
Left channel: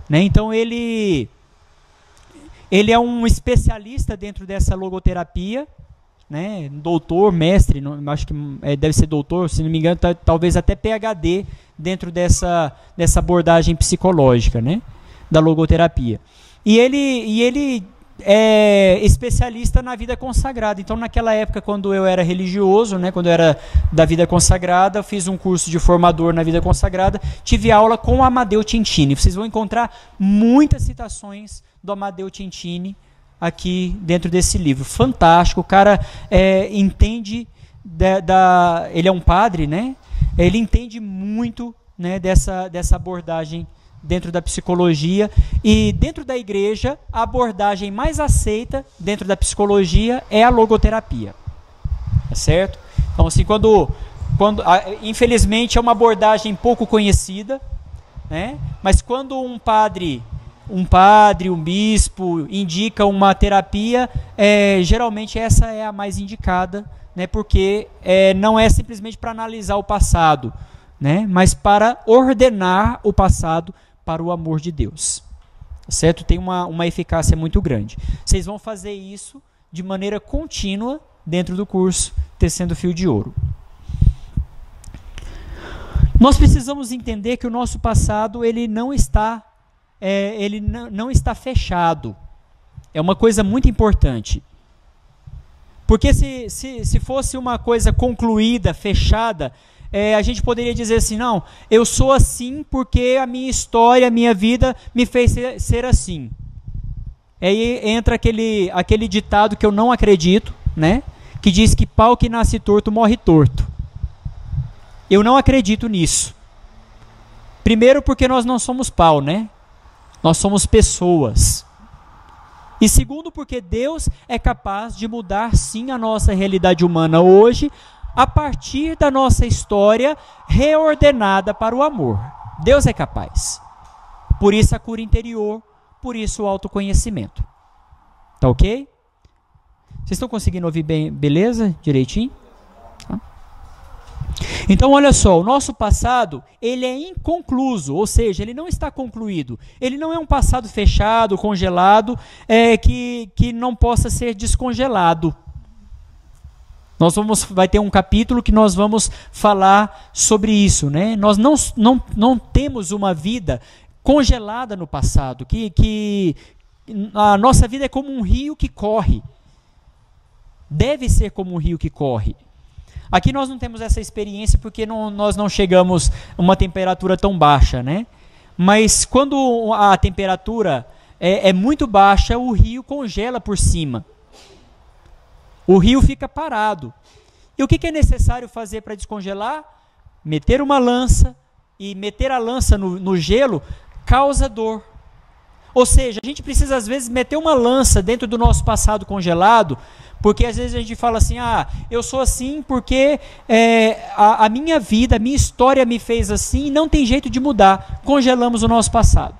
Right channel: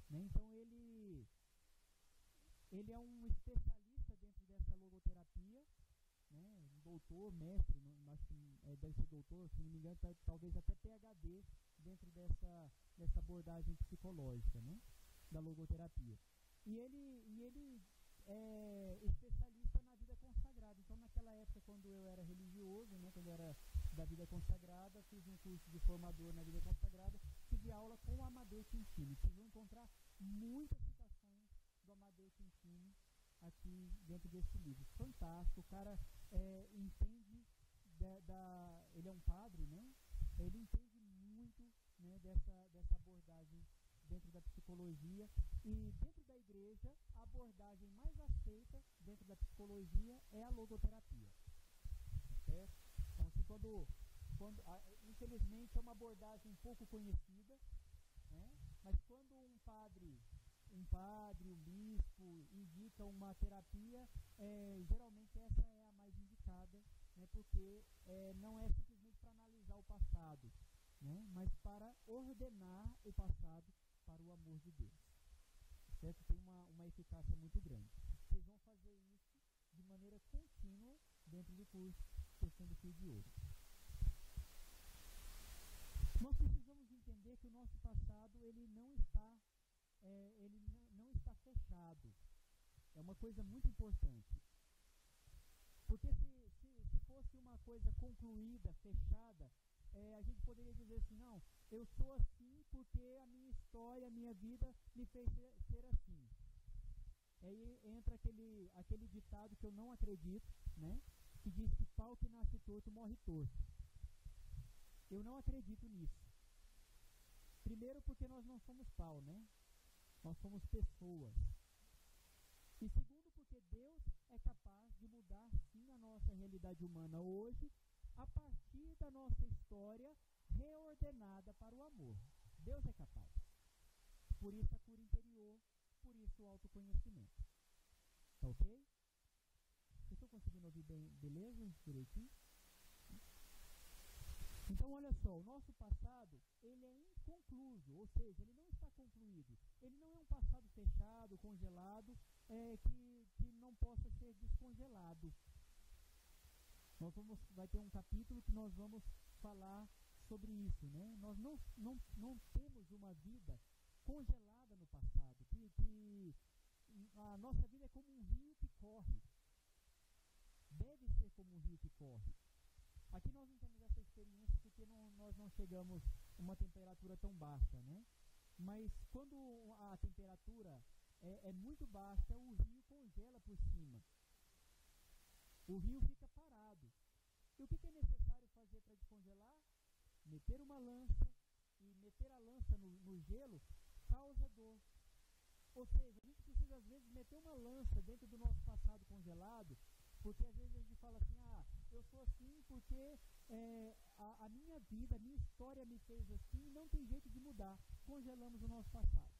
Né? Então ele é um especialista dentro dessa logoterapia, né? Doutor, mestre, acho que deve ser doutor, se não me engano, talvez até PhD dentro dessa abordagem psicológica, né? Da logoterapia. E ele é especialista na vida consagrada. Então, naquela época, quando eu era religioso, né, quando eu era da vida consagrada, eu fiz um curso de formador na vida consagrada, tive aula com o Amadeu Cintini. Vocês vão encontrar muitas citações do Amadeu Cintini aqui dentro desse livro. Fantástico, o cara entende, ele é um padre, né? Ele entende muito, né, dessa abordagem dentro da psicologia, e dentro da igreja, a abordagem mais aceita dentro da psicologia é a logoterapia. Tá certo? Então, assim, infelizmente é uma abordagem pouco conhecida, né? Mas quando um padre, um bispo indica uma terapia, geralmente essa é a mais indicada, né? Porque não é simplesmente para analisar o passado, né? Mas para ordenar o passado para o amor de Deus. Certo? Tem uma eficácia muito grande. Vocês vão fazer isso de maneira contínua dentro do curso Tecendo Fio de Ouro. Nós precisamos entender que o nosso passado ele não está fechado. É uma coisa muito importante. Porque se fosse uma coisa concluída, fechada, a gente poderia dizer assim, não, eu sou assim porque a minha história, a minha vida me fez ser assim. Aí entra aquele ditado que eu não acredito, né? Que diz que pau que nasce torto morre torto. Eu não acredito nisso. Primeiro porque nós não somos pau, né? Nós somos pessoas. E segundo porque Deus é capaz de mudar sim a nossa realidade humana hoje, a partir da nossa história reordenada para o amor. Deus é capaz. Por isso a cura interior, por isso o autoconhecimento. Tá ok? Vocês estão conseguindo ouvir bem, beleza? Direitinho? Tá. Então, olha só, o nosso passado, ele é inconcluso, ou seja, ele não está concluído. Ele não é um passado fechado, congelado, que não possa ser descongelado. Vai ter um capítulo que nós vamos falar sobre isso, né? Nós não temos uma vida congelada no passado, que a nossa vida é como um rio que corre. Deve ser como um rio que corre. Aqui nós não temos essa experiência porque nós não chegamos a uma temperatura tão baixa, né? Mas quando a temperatura é muito baixa, o rio congela por cima. O rio fica parado. E o que é necessário fazer para descongelar? Meter uma lança, e meter a lança no gelo causa dor. Ou seja, a gente precisa às vezes meter uma lança dentro do nosso passado congelado, porque às vezes a gente fala assim, eu sou assim porque a minha vida, a minha história me fez assim e não tem jeito de mudar. Congelamos o nosso passado.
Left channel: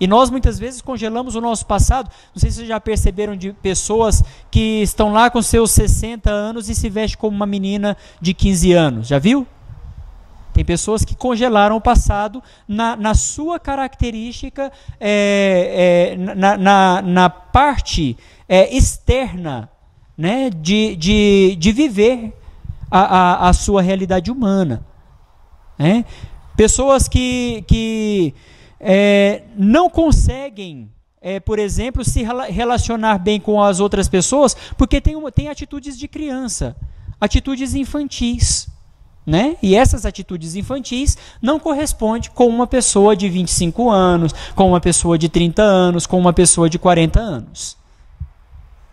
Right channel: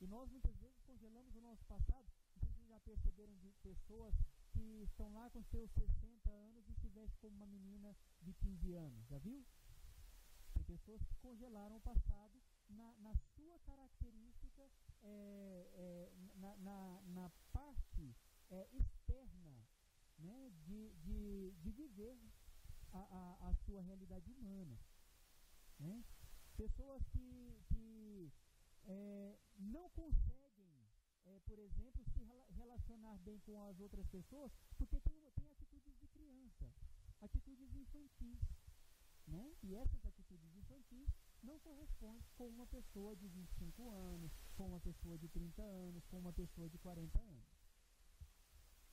E nós muitas vezes congelamos o nosso passado. Não sei se vocês já perceberam de pessoas que estão lá com seus 60 anos e se vestem como uma menina de 15 anos. Já viu? Tem pessoas que congelaram o passado na sua característica, na parte externa, né, de viver a sua realidade humana. Né? Pessoas que não conseguem, por exemplo, se relacionar bem com as outras pessoas porque tem atitudes de criança, atitudes infantis. Né? E essas atitudes infantis não correspondem com uma pessoa de 25 anos, com uma pessoa de 30 anos, com uma pessoa de 40 anos.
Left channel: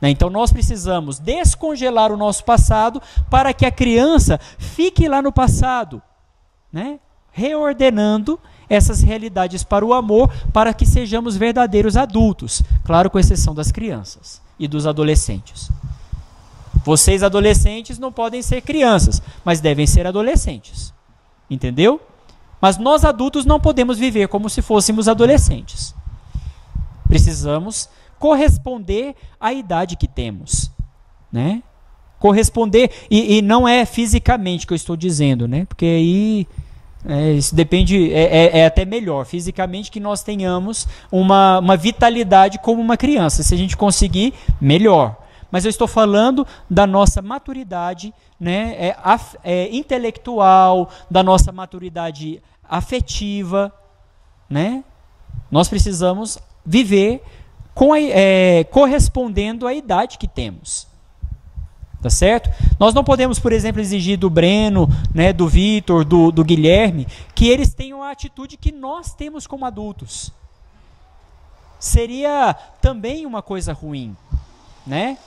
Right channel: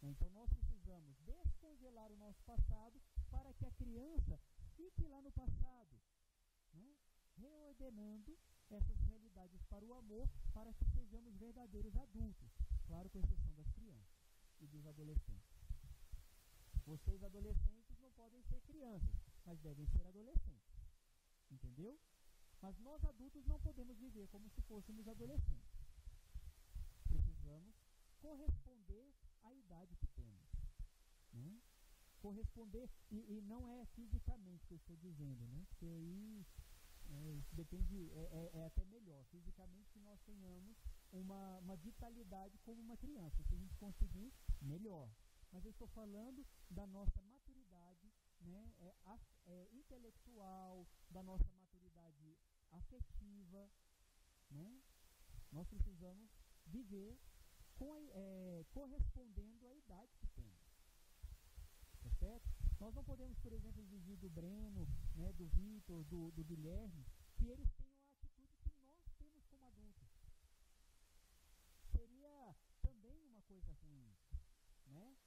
Né? Então nós precisamos descongelar o nosso passado para que a criança fique lá no passado, né? Reordenando essas realidades para o amor, para que sejamos verdadeiros adultos, claro, com exceção das crianças e dos adolescentes. Vocês adolescentes não podem ser crianças, mas devem ser adolescentes. Entendeu? Mas nós adultos não podemos viver como se fôssemos adolescentes. Precisamos corresponder à idade que temos. Né? Corresponder, e não é fisicamente que eu estou dizendo, né? Porque aí isso depende, é até melhor fisicamente que nós tenhamos uma vitalidade como uma criança. Se a gente conseguir, melhor. Mas eu estou falando da nossa maturidade, né, intelectual, da nossa maturidade afetiva. Né? Nós precisamos viver correspondendo à idade que temos. Tá certo? Nós não podemos, por exemplo, exigir do Breno, né, do Vitor, do Guilherme, que eles tenham a atitude que nós temos como adultos. Seria também uma coisa ruim. Né?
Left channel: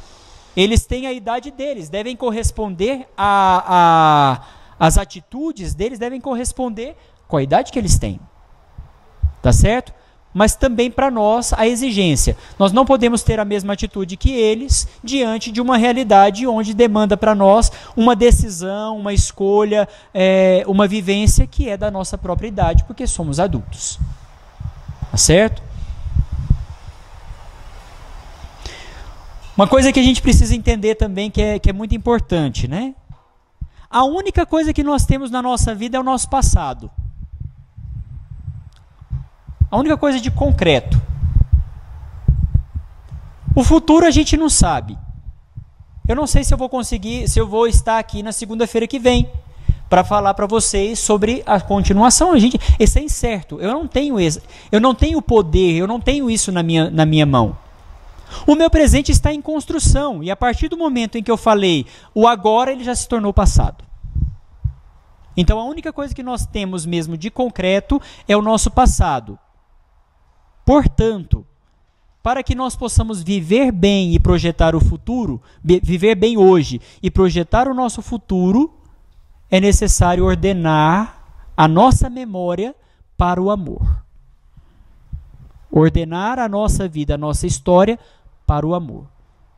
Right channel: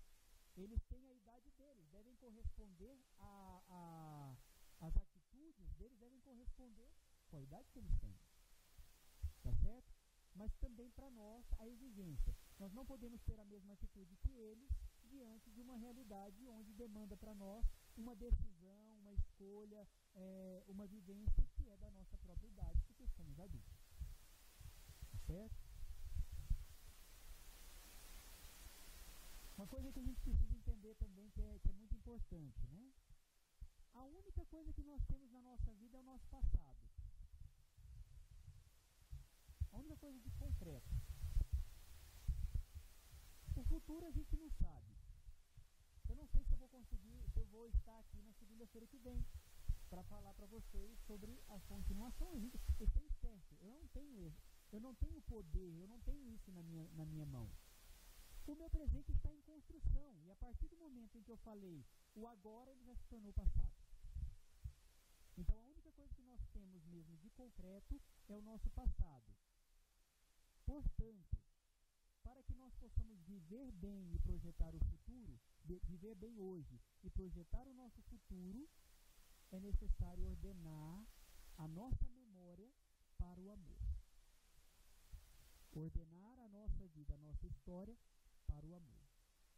Eles têm a idade deles, devem corresponder as atitudes deles devem corresponder com a idade que eles têm. Tá certo? Mas também para nós a exigência. Nós não podemos ter a mesma atitude que eles diante de uma realidade onde demanda para nós uma decisão, uma escolha, uma vivência que é da nossa própria idade, porque somos adultos. Tá certo? Uma coisa que a gente precisa entender também, que é muito importante, né? A única coisa que nós temos na nossa vida é o nosso passado. A única coisa de concreto. O futuro a gente não sabe. Eu não sei se eu vou conseguir, se eu vou estar aqui na segunda-feira que vem para falar para vocês sobre a continuação. Isso é incerto. Eu não tenho poder, eu não tenho isso na minha mão. O meu presente está em construção, e a partir do momento em que eu falei o agora, ele já se tornou passado. Então a única coisa que nós temos mesmo de concreto é o nosso passado. Portanto, para que nós possamos viver bem e projetar o futuro, viver bem hoje e projetar o nosso futuro, é necessário ordenar a nossa memória para o amor. Ordenar a nossa vida, a nossa história para o amor.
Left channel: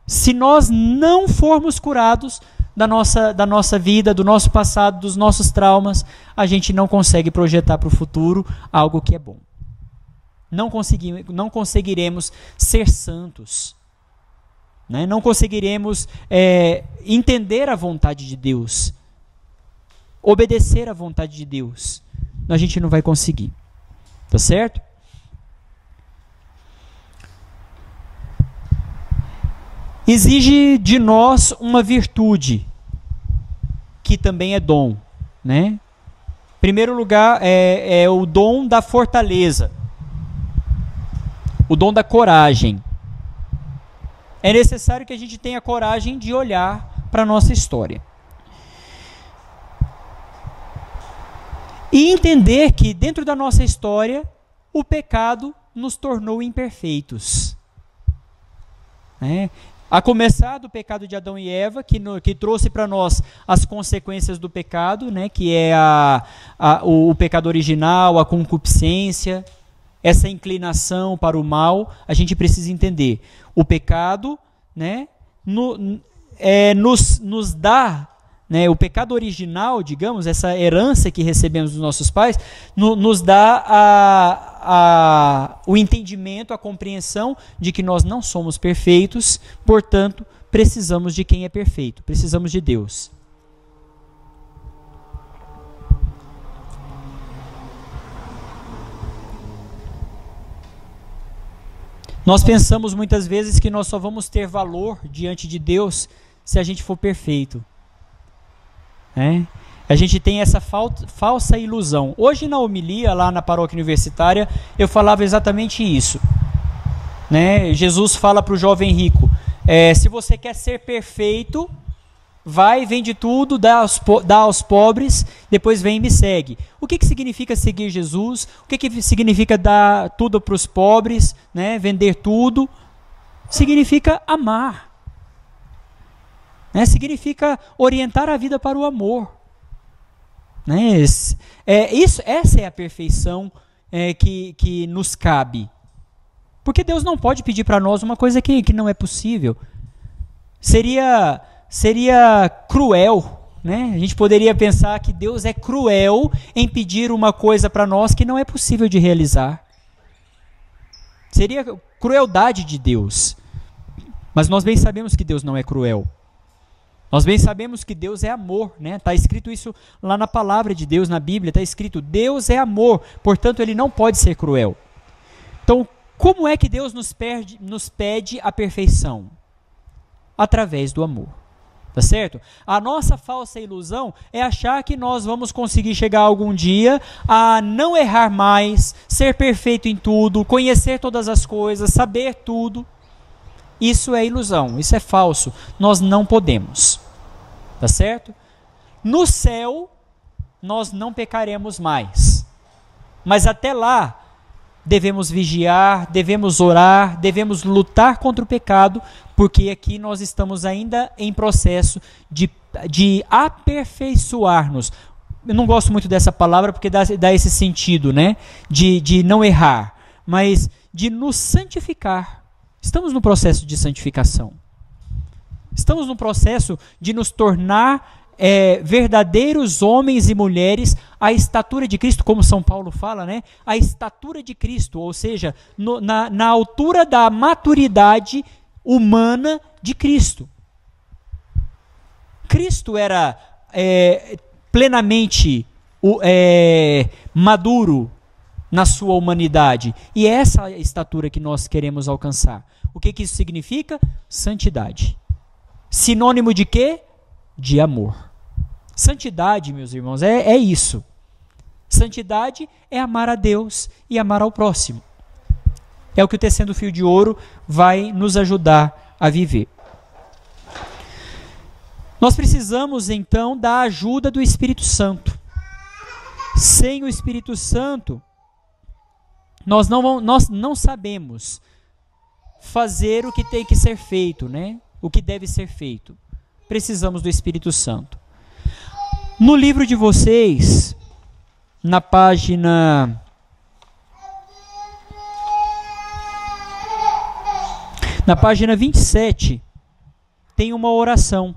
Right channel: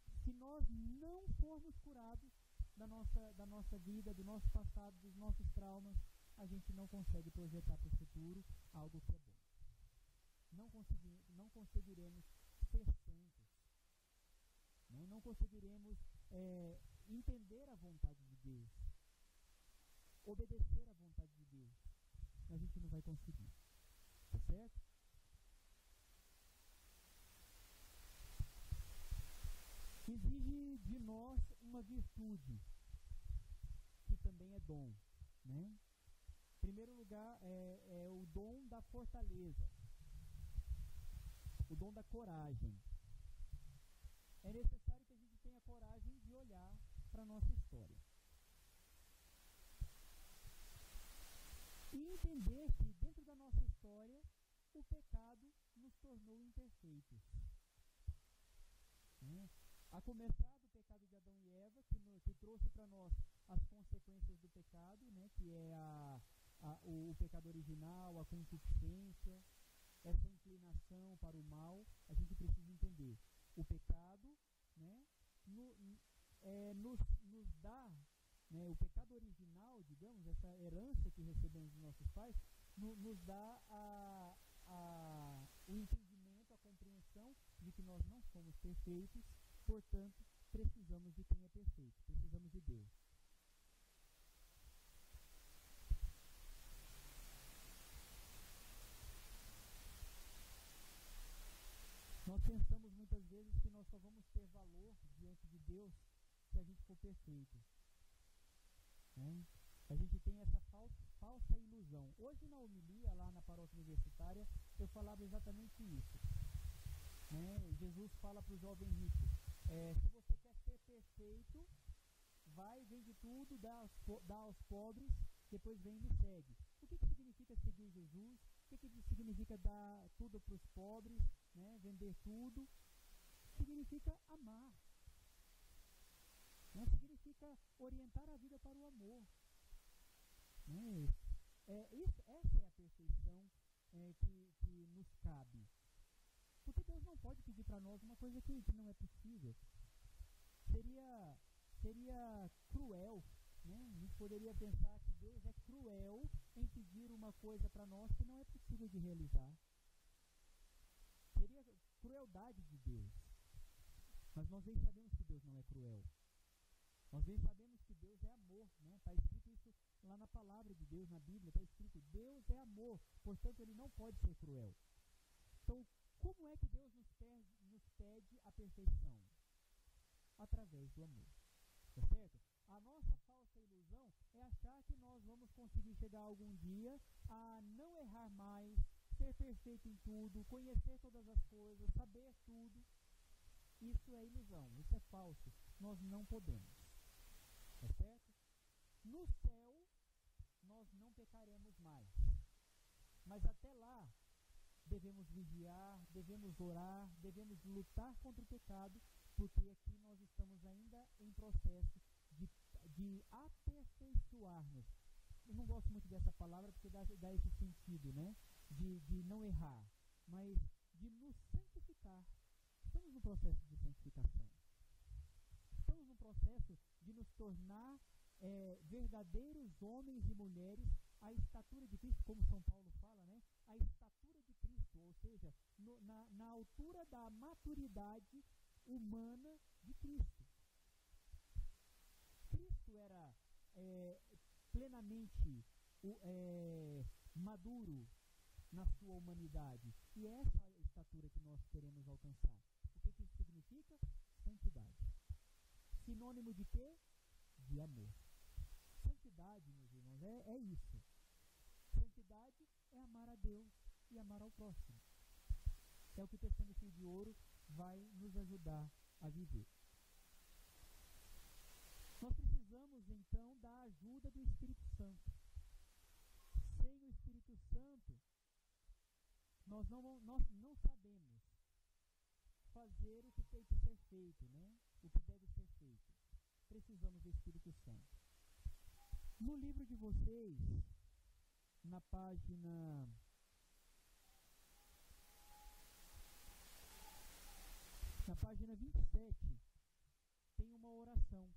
Se nós não formos curados da nossa vida, do nosso passado, dos nossos traumas, a gente não consegue projetar para o futuro algo que é bom. Não conseguiremos ser santos. Né? Não conseguiremos entender a vontade de Deus. Obedecer à vontade de Deus. A gente não vai conseguir. Tá certo? Exige de nós uma virtude, que também é dom. Né? Em primeiro lugar, é o dom da fortaleza. O dom da coragem. É necessário que a gente tenha coragem de olhar para a nossa história. E entender que dentro da nossa história, o pecado nos tornou imperfeitos. A começar do pecado de Adão e Eva, que trouxe para nós as consequências do pecado, né, que é o pecado original, a concupiscência, essa inclinação para o mal. A gente precisa entender. O pecado, né, nos dá, né, o pecado original, digamos, essa herança que recebemos dos nossos pais, nos dá o entendimento, a compreensão de que nós não somos perfeitos, portanto, precisamos de quem é perfeito, precisamos de Deus. Nós pensamos muitas vezes que nós só vamos ter valor diante de Deus se a gente for perfeito. A gente tem essa falsa ilusão. Hoje na homilia, lá na paróquia universitária, eu falava exatamente isso. Jesus fala para o jovem rico, se você quer ser perfeito, vai, vende tudo, dá aos pobres, depois vem e me segue. O que significa seguir Jesus? O que significa dar tudo para os pobres, né? Vender tudo? Significa amar. Significa orientar a vida para o amor. Essa é a perfeição que nos cabe. Porque Deus não pode pedir para nós uma coisa que não é possível. Seria cruel, né? A gente poderia pensar que Deus é cruel em pedir uma coisa para nós que não é possível de realizar. Seria crueldade de Deus. Mas nós bem sabemos que Deus não é cruel. Nós bem sabemos que Deus é amor, né? Está escrito isso lá na palavra de Deus, na Bíblia, está escrito, Deus é amor, portanto Ele não pode ser cruel. Então, como é que Deus nos pede a perfeição? Através do amor, tá certo? A nossa falsa ilusão é achar que nós vamos conseguir chegar algum dia a não errar mais, ser perfeito em tudo, conhecer todas as coisas, saber tudo. Isso é ilusão, isso é falso. Nós não podemos, tá certo? No céu, nós não pecaremos mais. Mas até lá, devemos vigiar, devemos orar, devemos lutar contra o pecado, porque aqui nós estamos ainda em processo de aperfeiçoar-nos. Eu não gosto muito dessa palavra porque dá esse sentido, né? De não errar, mas de nos santificar. Estamos no processo de santificação. Estamos no processo de nos tornar verdadeiros homens e mulheres à estatura de Cristo, como São Paulo fala, né? A estatura de Cristo, ou seja, na altura da maturidade humana de Cristo. Cristo era plenamente maduro na sua humanidade. E é essa estatura que nós queremos alcançar. O que isso significa? Santidade. Sinônimo de quê? De amor. Santidade, meus irmãos, é isso. Santidade é amar a Deus e amar ao próximo. É o que o Tecendo Fio de Ouro vai nos ajudar a viver. Nós precisamos, então, da ajuda do Espírito Santo. Sem o Espírito Santo, nós não sabemos fazer o que tem que ser feito, né? O que deve ser feito. Precisamos do Espírito Santo. No livro de vocês, na página 27, tem uma oração.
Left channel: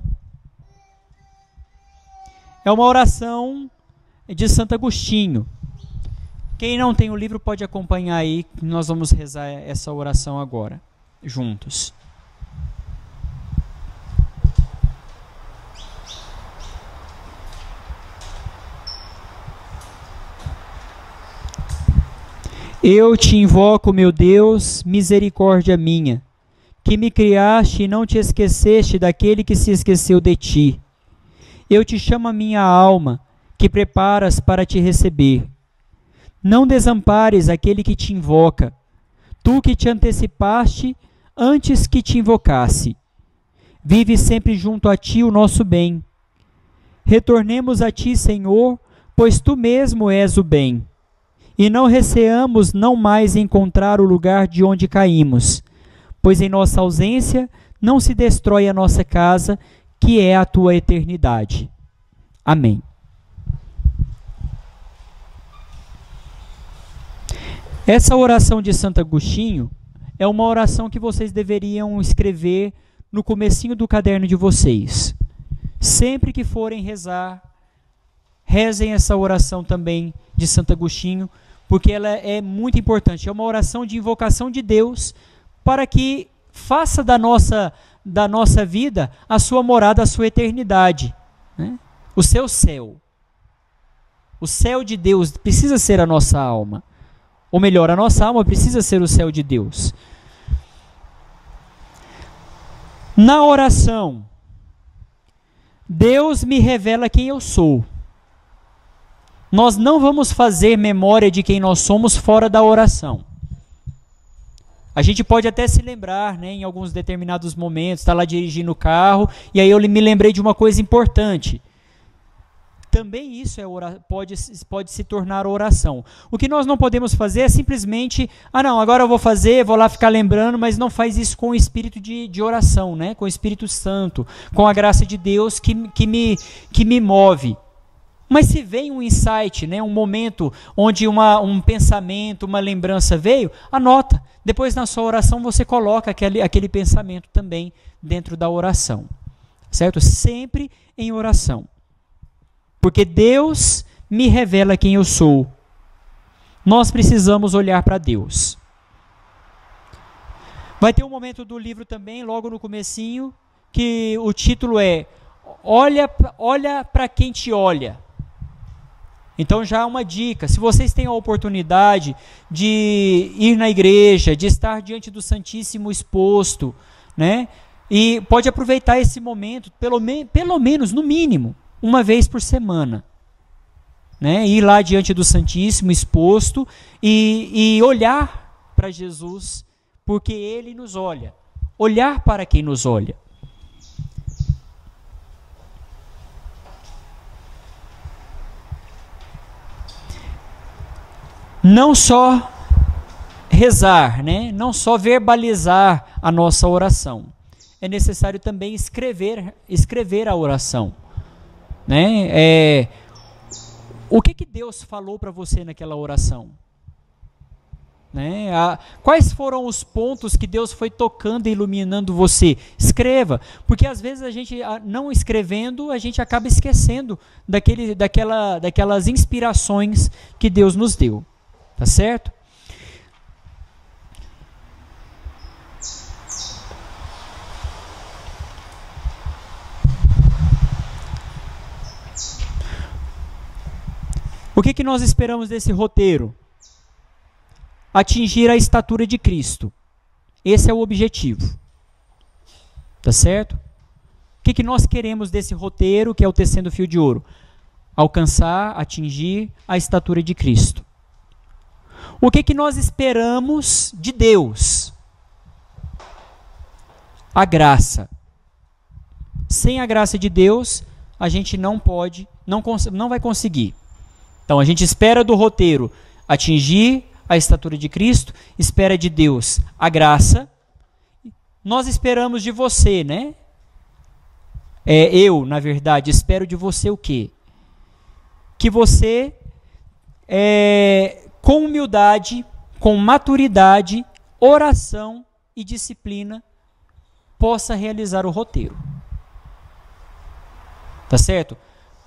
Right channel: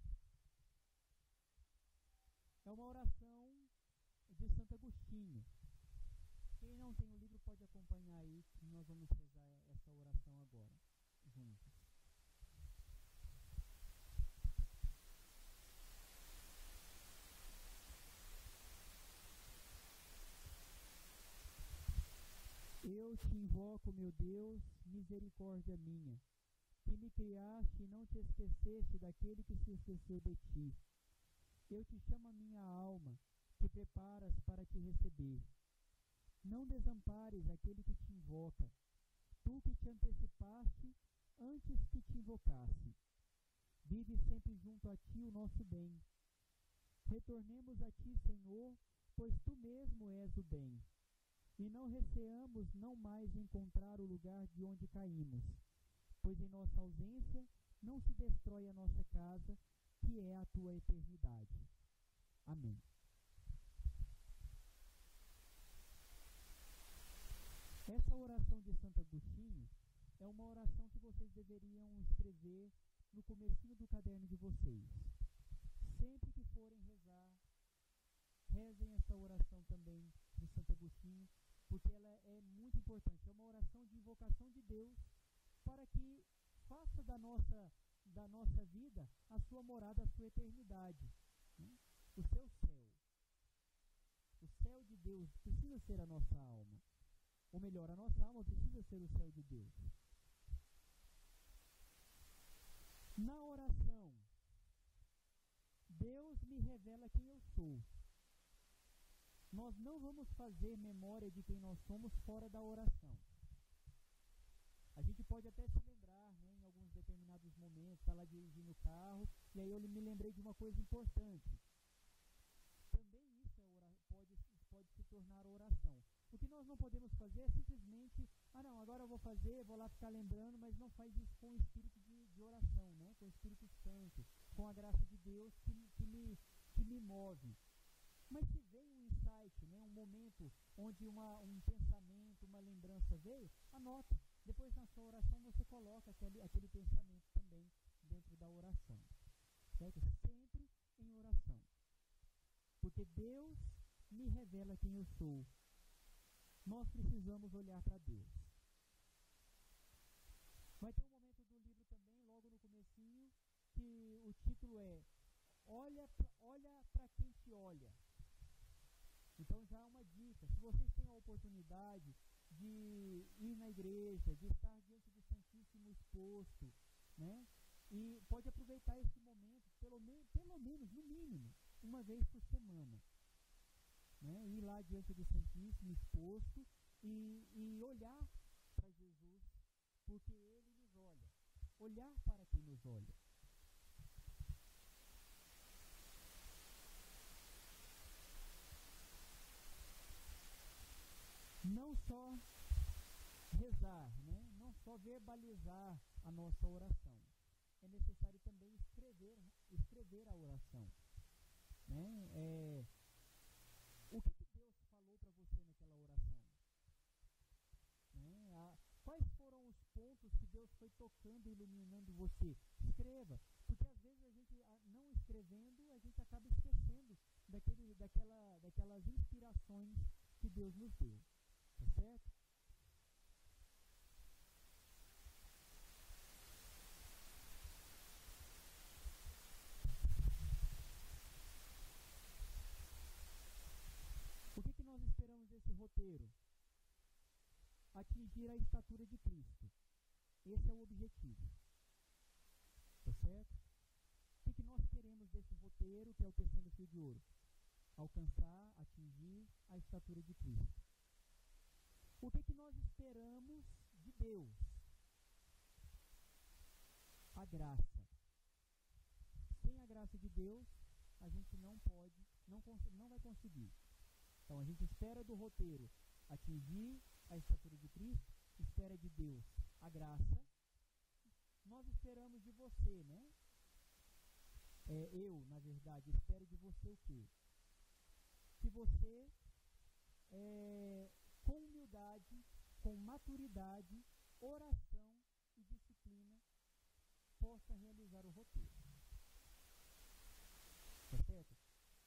É uma oração de Santo Agostinho. Quem não tem o livro pode acompanhar aí, nós vamos rezar essa oração agora, juntos. Eu te invoco, meu Deus, misericórdia minha, que me criaste e não te esqueceste daquele que se esqueceu de ti. Eu te chamo a minha alma, que preparas para te receber. Não desampares aquele que te invoca, tu que te antecipaste antes que te invocasse. Vive sempre junto a ti o nosso bem. Retornemos a ti, Senhor, pois tu mesmo és o bem. E não receamos não mais encontrar o lugar de onde caímos, pois em nossa ausência não se destrói a nossa casa, que é a tua eternidade. Amém. Essa oração de Santo Agostinho é uma oração que vocês deveriam escrever no comecinho do caderno de vocês. Sempre que forem rezar, rezem essa oração também de Santo Agostinho, porque ela é muito importante. É uma oração de invocação de Deus para que faça da nossa vida a sua morada, a sua eternidade, né? O seu céu. O céu de Deus precisa ser a nossa alma. Ou melhor, a nossa alma precisa ser o céu de Deus. Na oração, Deus me revela quem eu sou. Nós não vamos fazer memória de quem nós somos fora da oração. A gente pode até se lembrar, né, em alguns determinados momentos, está lá dirigindo o carro, e aí eu me lembrei de uma coisa importante. Também isso pode se tornar oração. O que nós não podemos fazer é simplesmente, agora eu vou fazer, vou lá ficar lembrando, mas não faz isso com o espírito de oração, né? Com o Espírito Santo, com a graça de Deus que me move. Mas se vem um insight, né, um momento onde um pensamento, uma lembrança veio, anota. Depois na sua oração você coloca aquele pensamento também dentro da oração. Certo? Sempre em oração. Porque Deus me revela quem eu sou. Nós precisamos olhar para Deus. Vai ter um momento do livro também, logo no comecinho, que o título é Olha para quem te olha. Então já é uma dica, se vocês têm a oportunidade de ir na igreja, de estar diante do Santíssimo exposto, né? E pode aproveitar esse momento, pelo menos, no mínimo, uma vez por semana, né? Ir lá diante do Santíssimo exposto e olhar para Jesus, porque Ele nos olha. Olhar para quem nos olha. Não só rezar, né? Não só verbalizar a nossa oração. É necessário também escrever a oração. Né? O que Deus falou para você naquela oração? Né? Quais foram os pontos que Deus foi tocando e iluminando você? Escreva, porque às vezes a gente, não escrevendo, a gente acaba esquecendo daquelas inspirações que Deus nos deu. Tá certo? O que nós esperamos desse roteiro? Atingir a estatura de Cristo. Esse é o objetivo. Tá certo? O que nós queremos desse roteiro, que é o Tecendo Fio de Ouro? Alcançar, atingir a estatura de Cristo. O que nós esperamos de Deus? A graça. Sem a graça de Deus, a gente não vai conseguir. Então, a gente espera do roteiro atingir a estatura de Cristo, espera de Deus a graça. Nós esperamos de você, né? Eu, na verdade, espero de você o quê? Que você, com humildade, com maturidade, oração e disciplina, possa realizar o roteiro. Tá certo?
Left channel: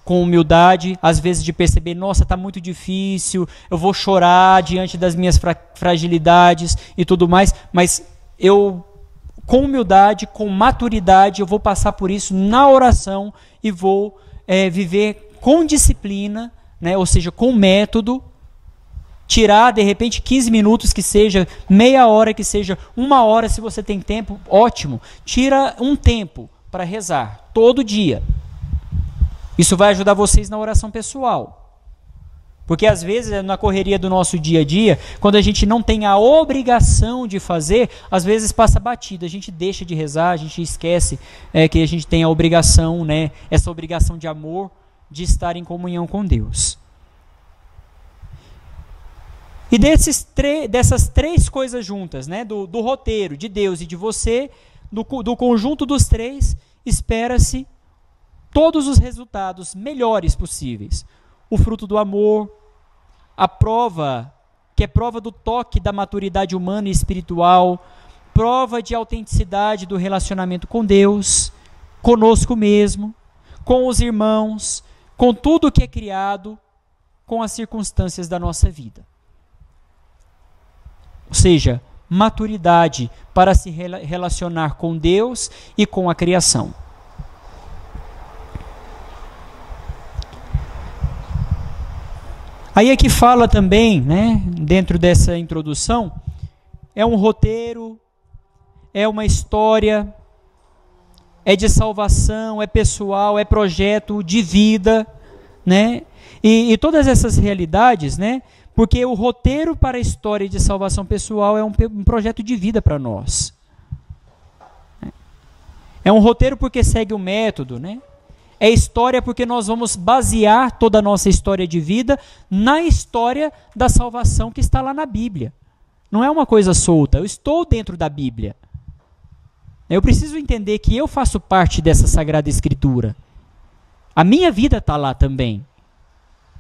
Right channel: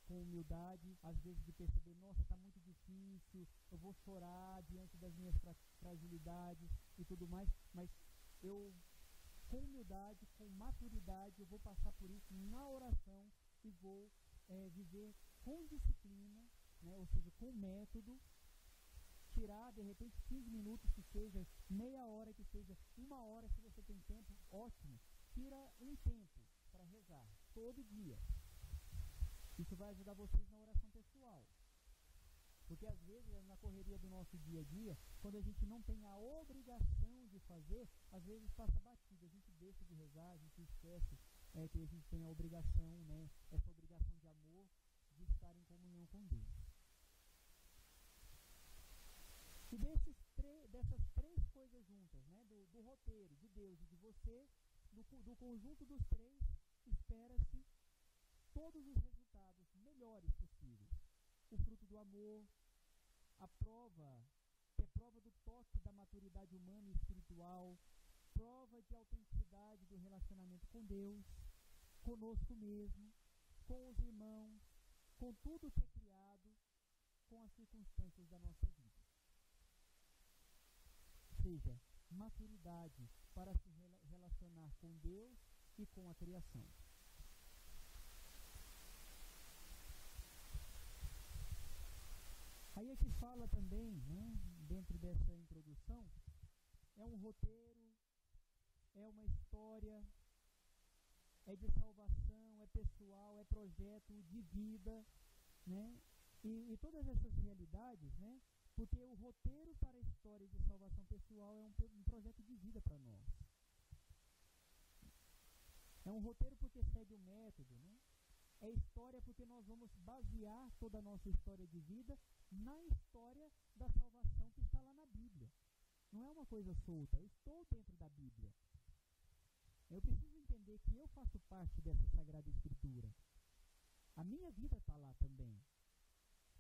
Com humildade, às vezes de perceber, nossa, está muito difícil, eu vou chorar diante das minhas fragilidades e tudo mais, mas eu, com humildade, com maturidade, eu vou passar por isso na oração e vou viver com disciplina, né? Ou seja, com método, tirar de repente 15 minutos, que seja meia hora, que seja 1 hora, se você tem tempo, ótimo. Tira um tempo para rezar, todo dia. Isso vai ajudar vocês na oração pessoal. Porque às vezes, na correria do nosso dia a dia, quando a gente não tem a obrigação de fazer, às vezes passa batida, a gente deixa de rezar, a gente esquece que a gente tem a obrigação, né, essa obrigação de amor, de estar em comunhão com Deus. E dessas 3 coisas juntas, né, do roteiro, de Deus e de você, do conjunto dos 3, espera-se todos os resultados melhores possíveis. O fruto do amor, a prova, que é prova do toque da maturidade humana e espiritual, prova de autenticidade do relacionamento com Deus, conosco mesmo, com os irmãos, com tudo que é criado, com as circunstâncias da nossa vida. Ou seja, maturidade para se relacionar com Deus e com a criação. Aí é que fala também, né, dentro dessa introdução, é um roteiro, é uma história, é de salvação, é pessoal, é projeto de vida, né? E todas essas realidades, né? Porque o roteiro para a história de salvação pessoal é um projeto de vida para nós. É um roteiro porque segue o método, né? É história porque nós vamos basear toda a nossa história de vida na história da salvação que está lá na Bíblia. Não é uma coisa solta, eu estou dentro da Bíblia. Eu preciso entender que eu faço parte dessa Sagrada Escritura. A minha vida está lá também.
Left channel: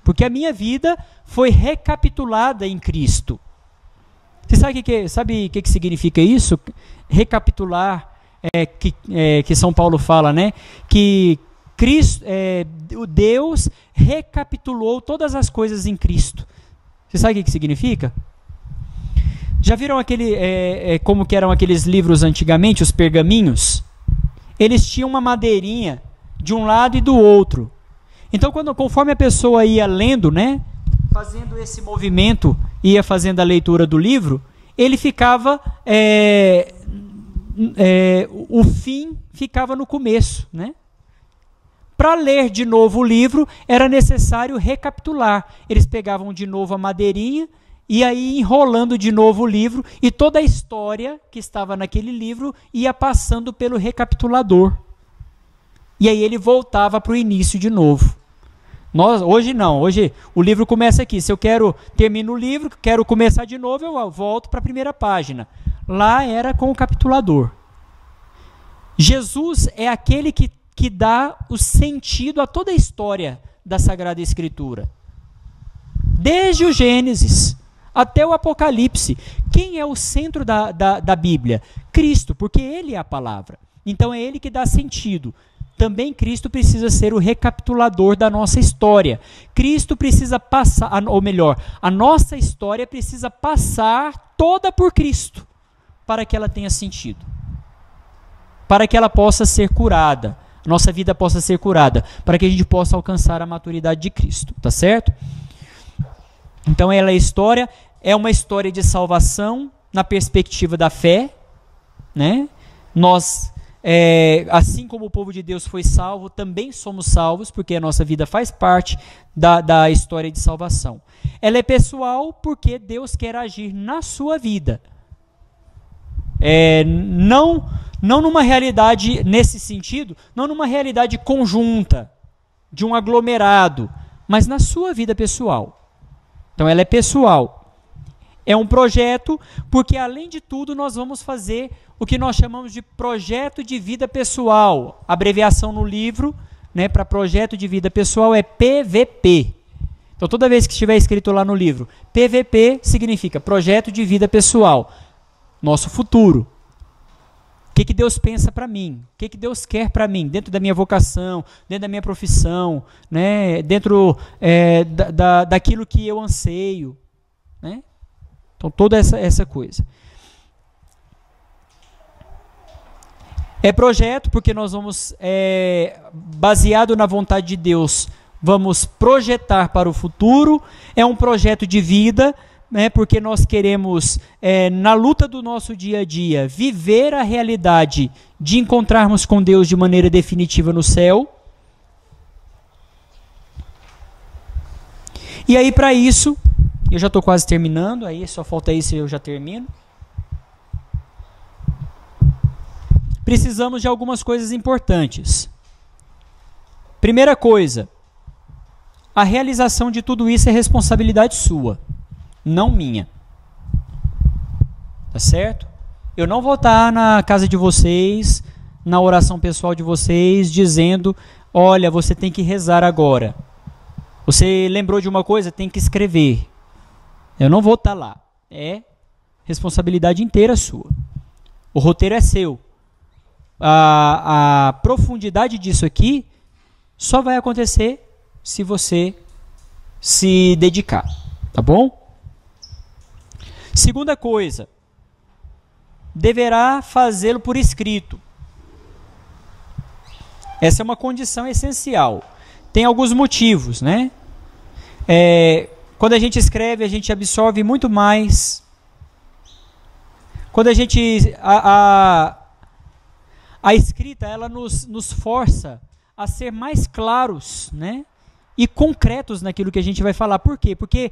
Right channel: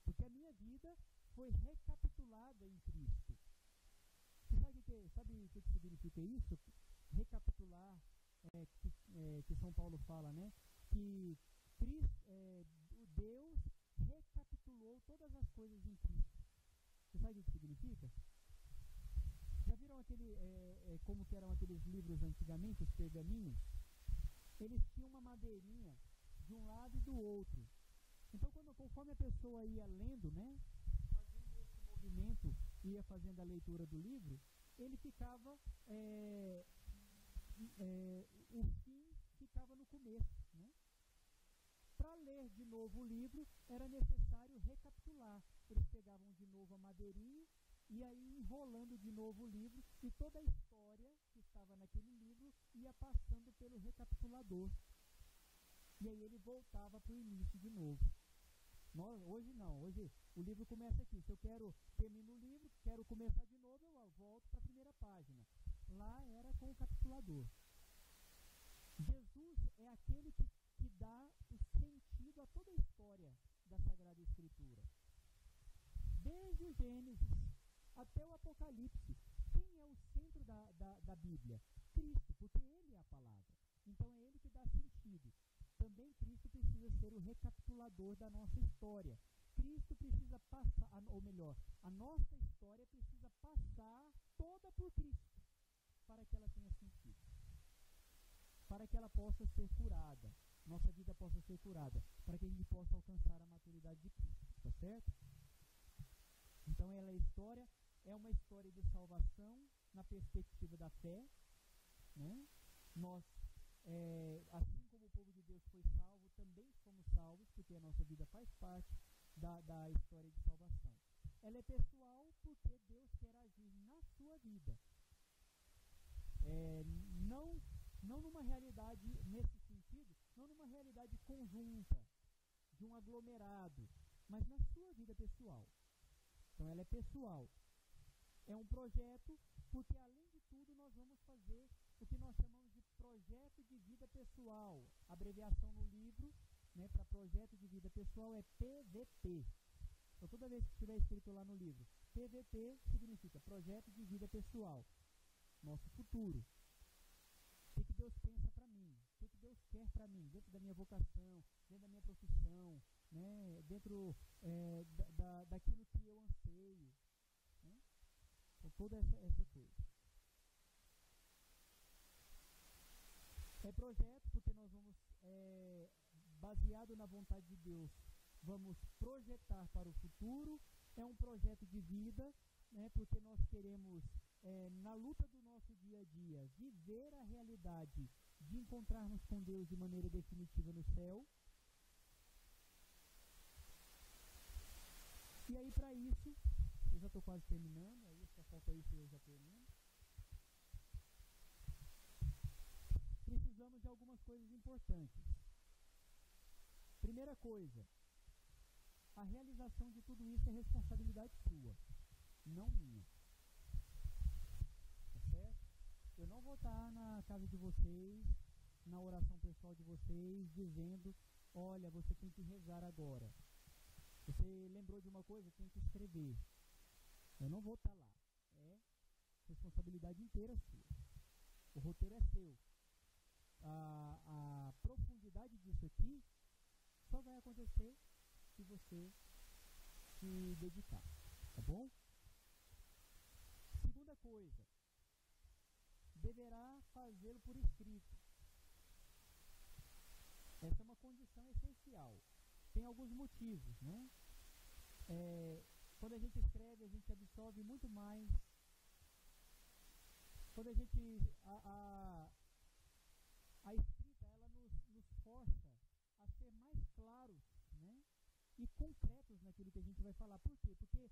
Porque a minha vida foi recapitulada em Cristo. Você sabe o que significa isso? Recapitular, que São Paulo fala, né? Que Cristo, Deus recapitulou todas as coisas em Cristo. Você sabe o que significa? Já viram como que eram aqueles livros antigamente, os pergaminhos? Eles tinham uma madeirinha de um lado e do outro. Então, conforme a pessoa ia lendo, né, fazendo esse movimento, ia fazendo a leitura do livro, ele ficava, o fim ficava no começo, né? Para ler de novo o livro, era necessário recapitular. Eles pegavam de novo a madeirinha e aí enrolando de novo o livro, e toda a história que estava naquele livro ia passando pelo recapitulador. E aí ele voltava para o início de novo. Hoje não, hoje o livro começa aqui. Se eu termino o livro, quero começar de novo, eu volto para a primeira página. Lá era com o capitulador. Jesus é aquele que dá o sentido a toda a história da Sagrada Escritura. Desde o Gênesis até o Apocalipse. Quem é o centro da Bíblia? Cristo, porque Ele é a palavra. Então é Ele que dá sentido. Também Cristo precisa ser o recapitulador da nossa história. Cristo precisa passar, ou melhor, a nossa história precisa passar toda por Cristo, para que ela tenha sentido. Para que ela possa ser curada. Nossa vida possa ser curada, para que a gente possa alcançar a maturidade de Cristo, tá certo? Então ela é uma história de salvação na perspectiva da fé, né? Nós assim como o povo de Deus foi salvo, também somos salvos, porque a nossa vida faz parte da história de salvação. Ela é pessoal porque Deus quer agir na sua vida. Não numa realidade, nesse sentido, não numa realidade conjunta, de um aglomerado, mas na sua vida pessoal. Então ela é pessoal. É um projeto, porque além de tudo nós vamos fazer o que nós chamamos de projeto de vida pessoal. A abreviação no livro, né, para projeto de vida pessoal é PVP. Então toda vez que estiver escrito lá no livro, PVP significa projeto de vida pessoal. Nosso futuro. O que Deus pensa para mim? O que Deus quer para mim? Dentro da minha vocação, dentro da minha profissão, né? Dentro daquilo que eu anseio. Né? Então, toda essa coisa. É projeto porque nós vamos, baseado na vontade de Deus, vamos projetar para o futuro. É um projeto de vida, né, porque nós queremos, na luta do nosso dia a dia, viver a realidade de encontrarmos com Deus de maneira definitiva no céu. E aí, para isso, eu já estou quase terminando, aí só falta isso e eu já termino. Precisamos de algumas coisas importantes. Primeira coisa, a realização de tudo isso é responsabilidade sua, não minha. Tá certo? Eu não vou estar na casa de vocês, na oração pessoal de vocês, dizendo, olha, você tem que rezar agora. Você lembrou de uma coisa? Tem que escrever. Eu não vou estar lá. É responsabilidade inteira sua. O roteiro é seu. A profundidade disso aqui só vai acontecer se você se dedicar. Tá bom? Segunda coisa, deverá fazê-lo por escrito. Essa é uma condição essencial. Tem alguns motivos, né? Quando a gente escreve, a gente absorve muito mais. Quando a gente... A escrita, ela nos força a ser mais claros, né? E concretos naquilo que a gente vai falar. Por quê? Porque,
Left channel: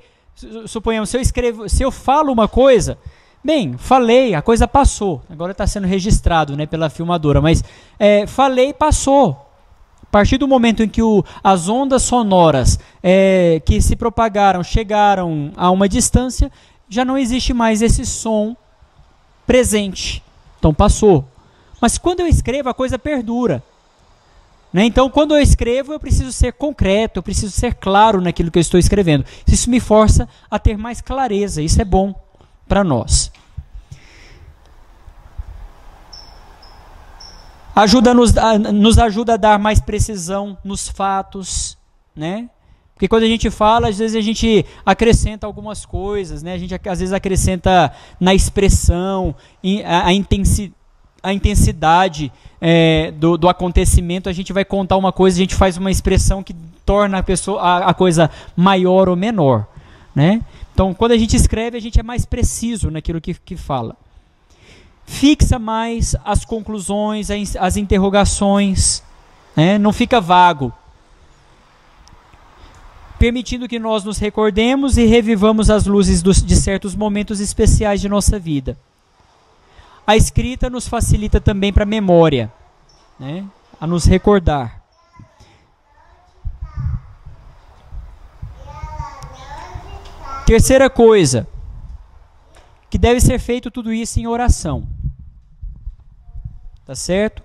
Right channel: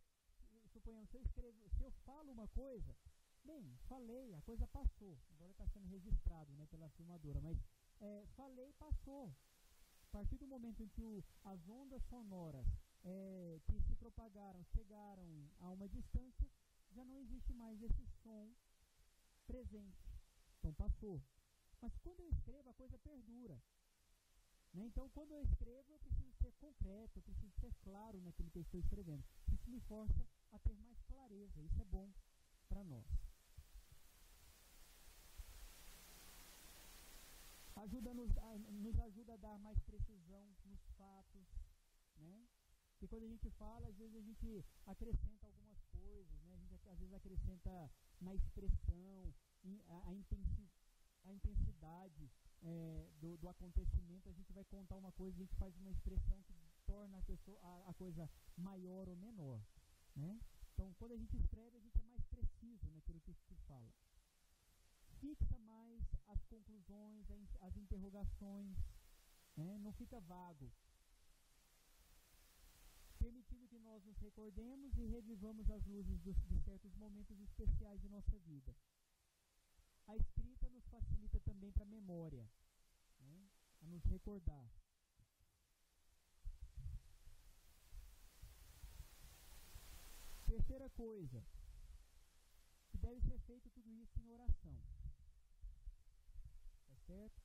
suponhamos, se eu falo uma coisa, bem, falei, a coisa passou. Agora está sendo registrado, né, pela filmadora, mas falei, passou. A partir do momento em que as ondas sonoras que se propagaram, chegaram a uma distância, já não existe mais esse som presente. Então passou. Mas quando eu escrevo, a coisa perdura. Né? Então, quando eu escrevo, eu preciso ser concreto, eu preciso ser claro naquilo que eu estou escrevendo. Isso me força a ter mais clareza. Isso é bom para nós. Nos ajuda a dar mais precisão nos fatos, né? Porque quando a gente fala, às vezes a gente acrescenta algumas coisas, né? A gente às vezes acrescenta na expressão, a intensidade do acontecimento. A gente vai contar uma coisa, a gente faz uma expressão que torna a coisa maior ou menor, né? Então, quando a gente escreve, a gente é mais preciso naquilo que fala. Fixa mais as conclusões, as interrogações, né? Não fica vago. Permitindo que nós nos recordemos e revivamos as luzes de certos momentos especiais de nossa vida. A escrita nos facilita também para a memória, né? A nos recordar. Terceira coisa, que deve ser feito tudo isso em oração. Tá certo?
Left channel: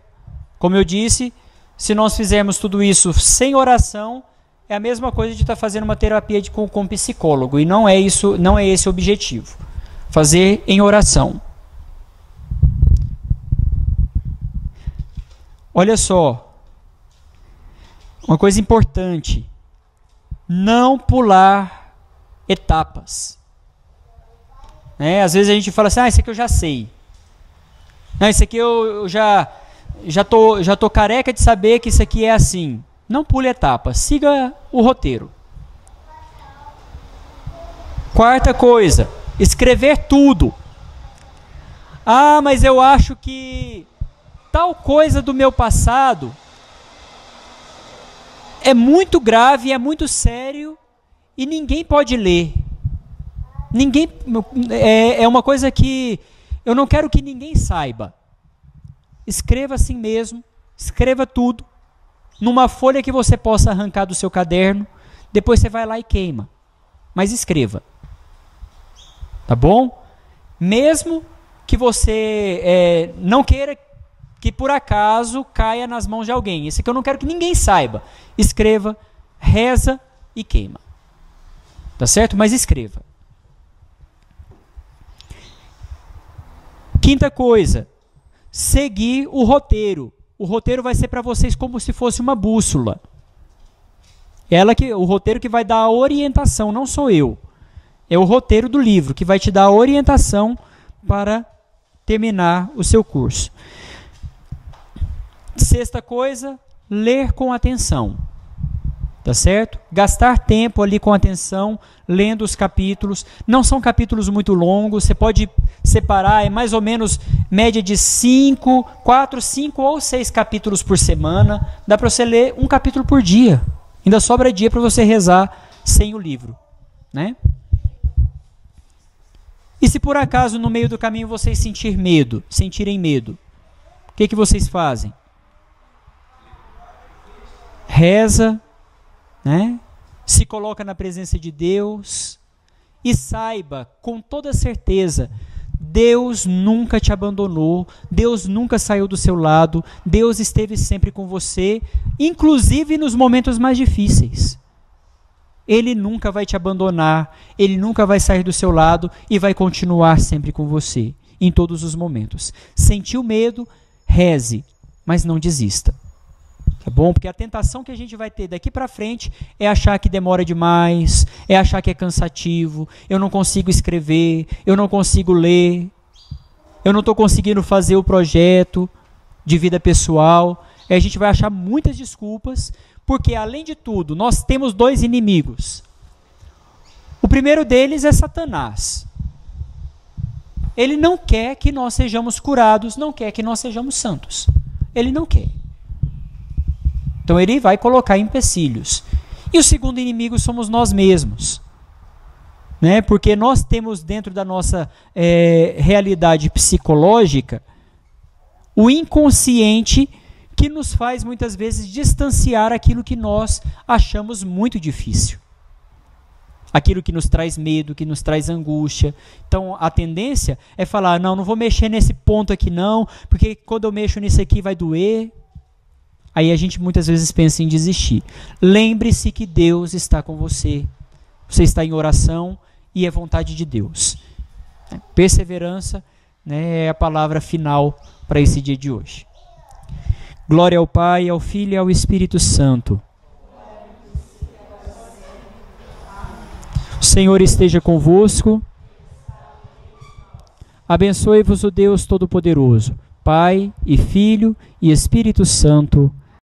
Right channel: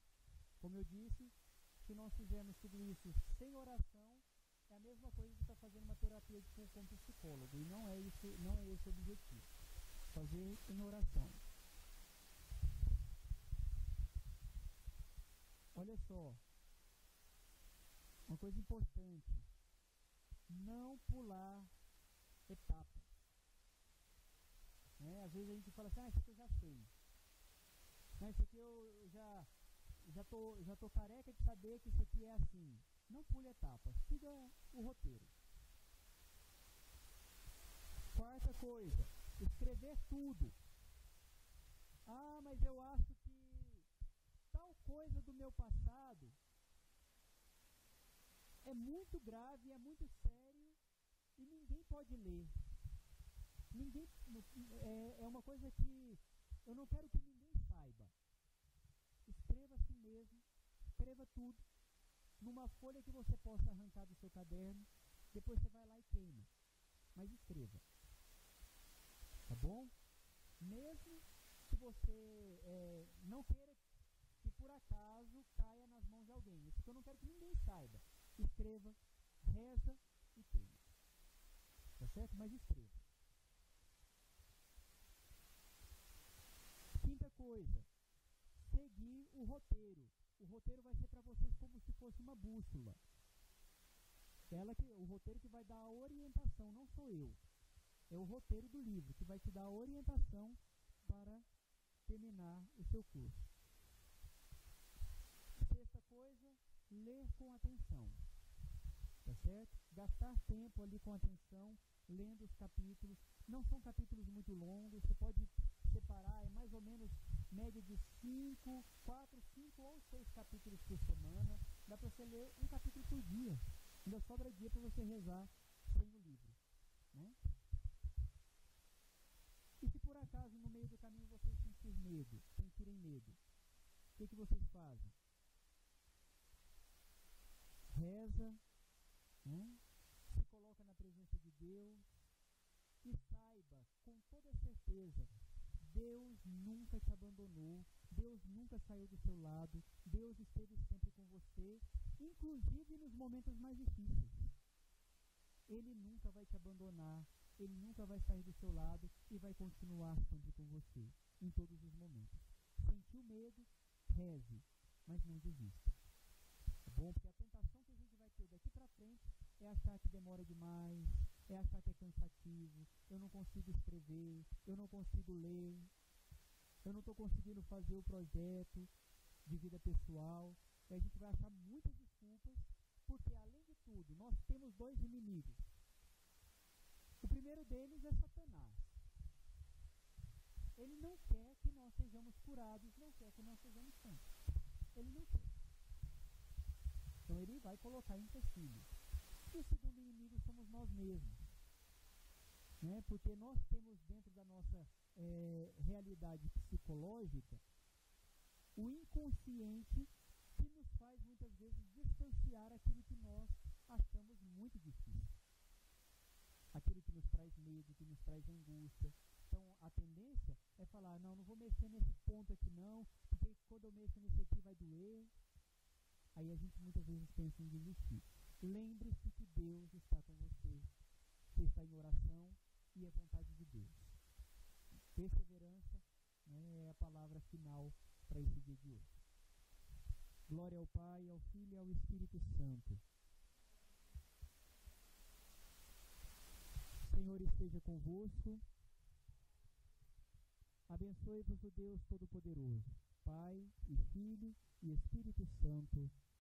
Como eu disse, se nós fizermos tudo isso sem oração, é a mesma coisa de estar fazendo uma terapia com psicólogo. E não é esse o objetivo. Fazer em oração. Olha só. Uma coisa importante. Não pular etapas. Às vezes a gente fala assim, isso aqui eu já sei. Não, isso aqui eu já tô careca de saber que isso aqui é assim. Não pule etapas, siga o roteiro. Quarta coisa, escrever tudo. Mas eu acho que tal coisa do meu passado é muito grave, é muito sério e ninguém pode ler. Ninguém, é uma coisa que eu não quero que ninguém saiba. Escreva assim mesmo, escreva tudo, numa folha que você possa arrancar do seu caderno, depois você vai lá e queima. Mas escreva. Tá bom? Mesmo que você não queira que por acaso caia nas mãos de alguém. Isso aqui eu não quero que ninguém saiba. Escreva, reza e queima. Tá certo? Mas escreva. Quinta coisa, seguir o roteiro. O roteiro vai ser para vocês como se fosse uma bússola. O roteiro que vai dar a orientação, não sou eu. É o roteiro do livro que vai te dar a orientação para terminar o seu curso. Sexta coisa, ler com atenção. Tá certo? Gastar tempo ali com atenção, lendo os capítulos. Não são capítulos muito longos, você pode separar, é mais ou menos média de 4, 5 ou 6 capítulos por semana. Dá para você ler um capítulo por dia. Ainda sobra dia para você rezar sem o livro, né? E se por acaso no meio do caminho vocês sentirem medo, o que vocês fazem? Reza, né? Se coloca na presença de Deus e saiba com toda certeza, Deus nunca te abandonou, Deus nunca saiu do seu lado, Deus esteve sempre com você, inclusive nos momentos mais difíceis. Ele nunca vai te abandonar, Ele nunca vai sair do seu lado e vai continuar sempre com você, em todos os momentos. Sentiu medo, reze, mas não desista. Tá bom? Porque a tentação que a gente vai ter daqui para frente é achar que demora demais, é achar que é cansativo, eu não consigo escrever, eu não consigo ler, eu não estou conseguindo fazer o projeto de vida pessoal. A gente vai achar muitas desculpas, porque além de tudo, nós temos 2 inimigos. O primeiro deles é Satanás. Ele não quer que nós sejamos curados, não quer que nós sejamos santos. Ele não quer. Então ele vai colocar empecilhos. E o segundo inimigo somos nós mesmos. Né? Porque nós temos dentro da nossa realidade psicológica o inconsciente que nos faz muitas vezes distanciar aquilo que nós achamos muito difícil. Aquilo que nos traz medo, que nos traz angústia. Então a tendência é falar, não vou mexer nesse ponto aqui não, porque quando eu mexo nisso aqui vai doer. Aí a gente muitas vezes pensa em desistir. Lembre-se que Deus está com você. Você está em oração e é vontade de Deus. Perseverança, né, é a palavra final para esse dia de hoje. Glória ao Pai, ao Filho e ao Espírito Santo. O Senhor esteja convosco. Abençoe-vos o Deus Todo-Poderoso, Pai e Filho e Espírito Santo.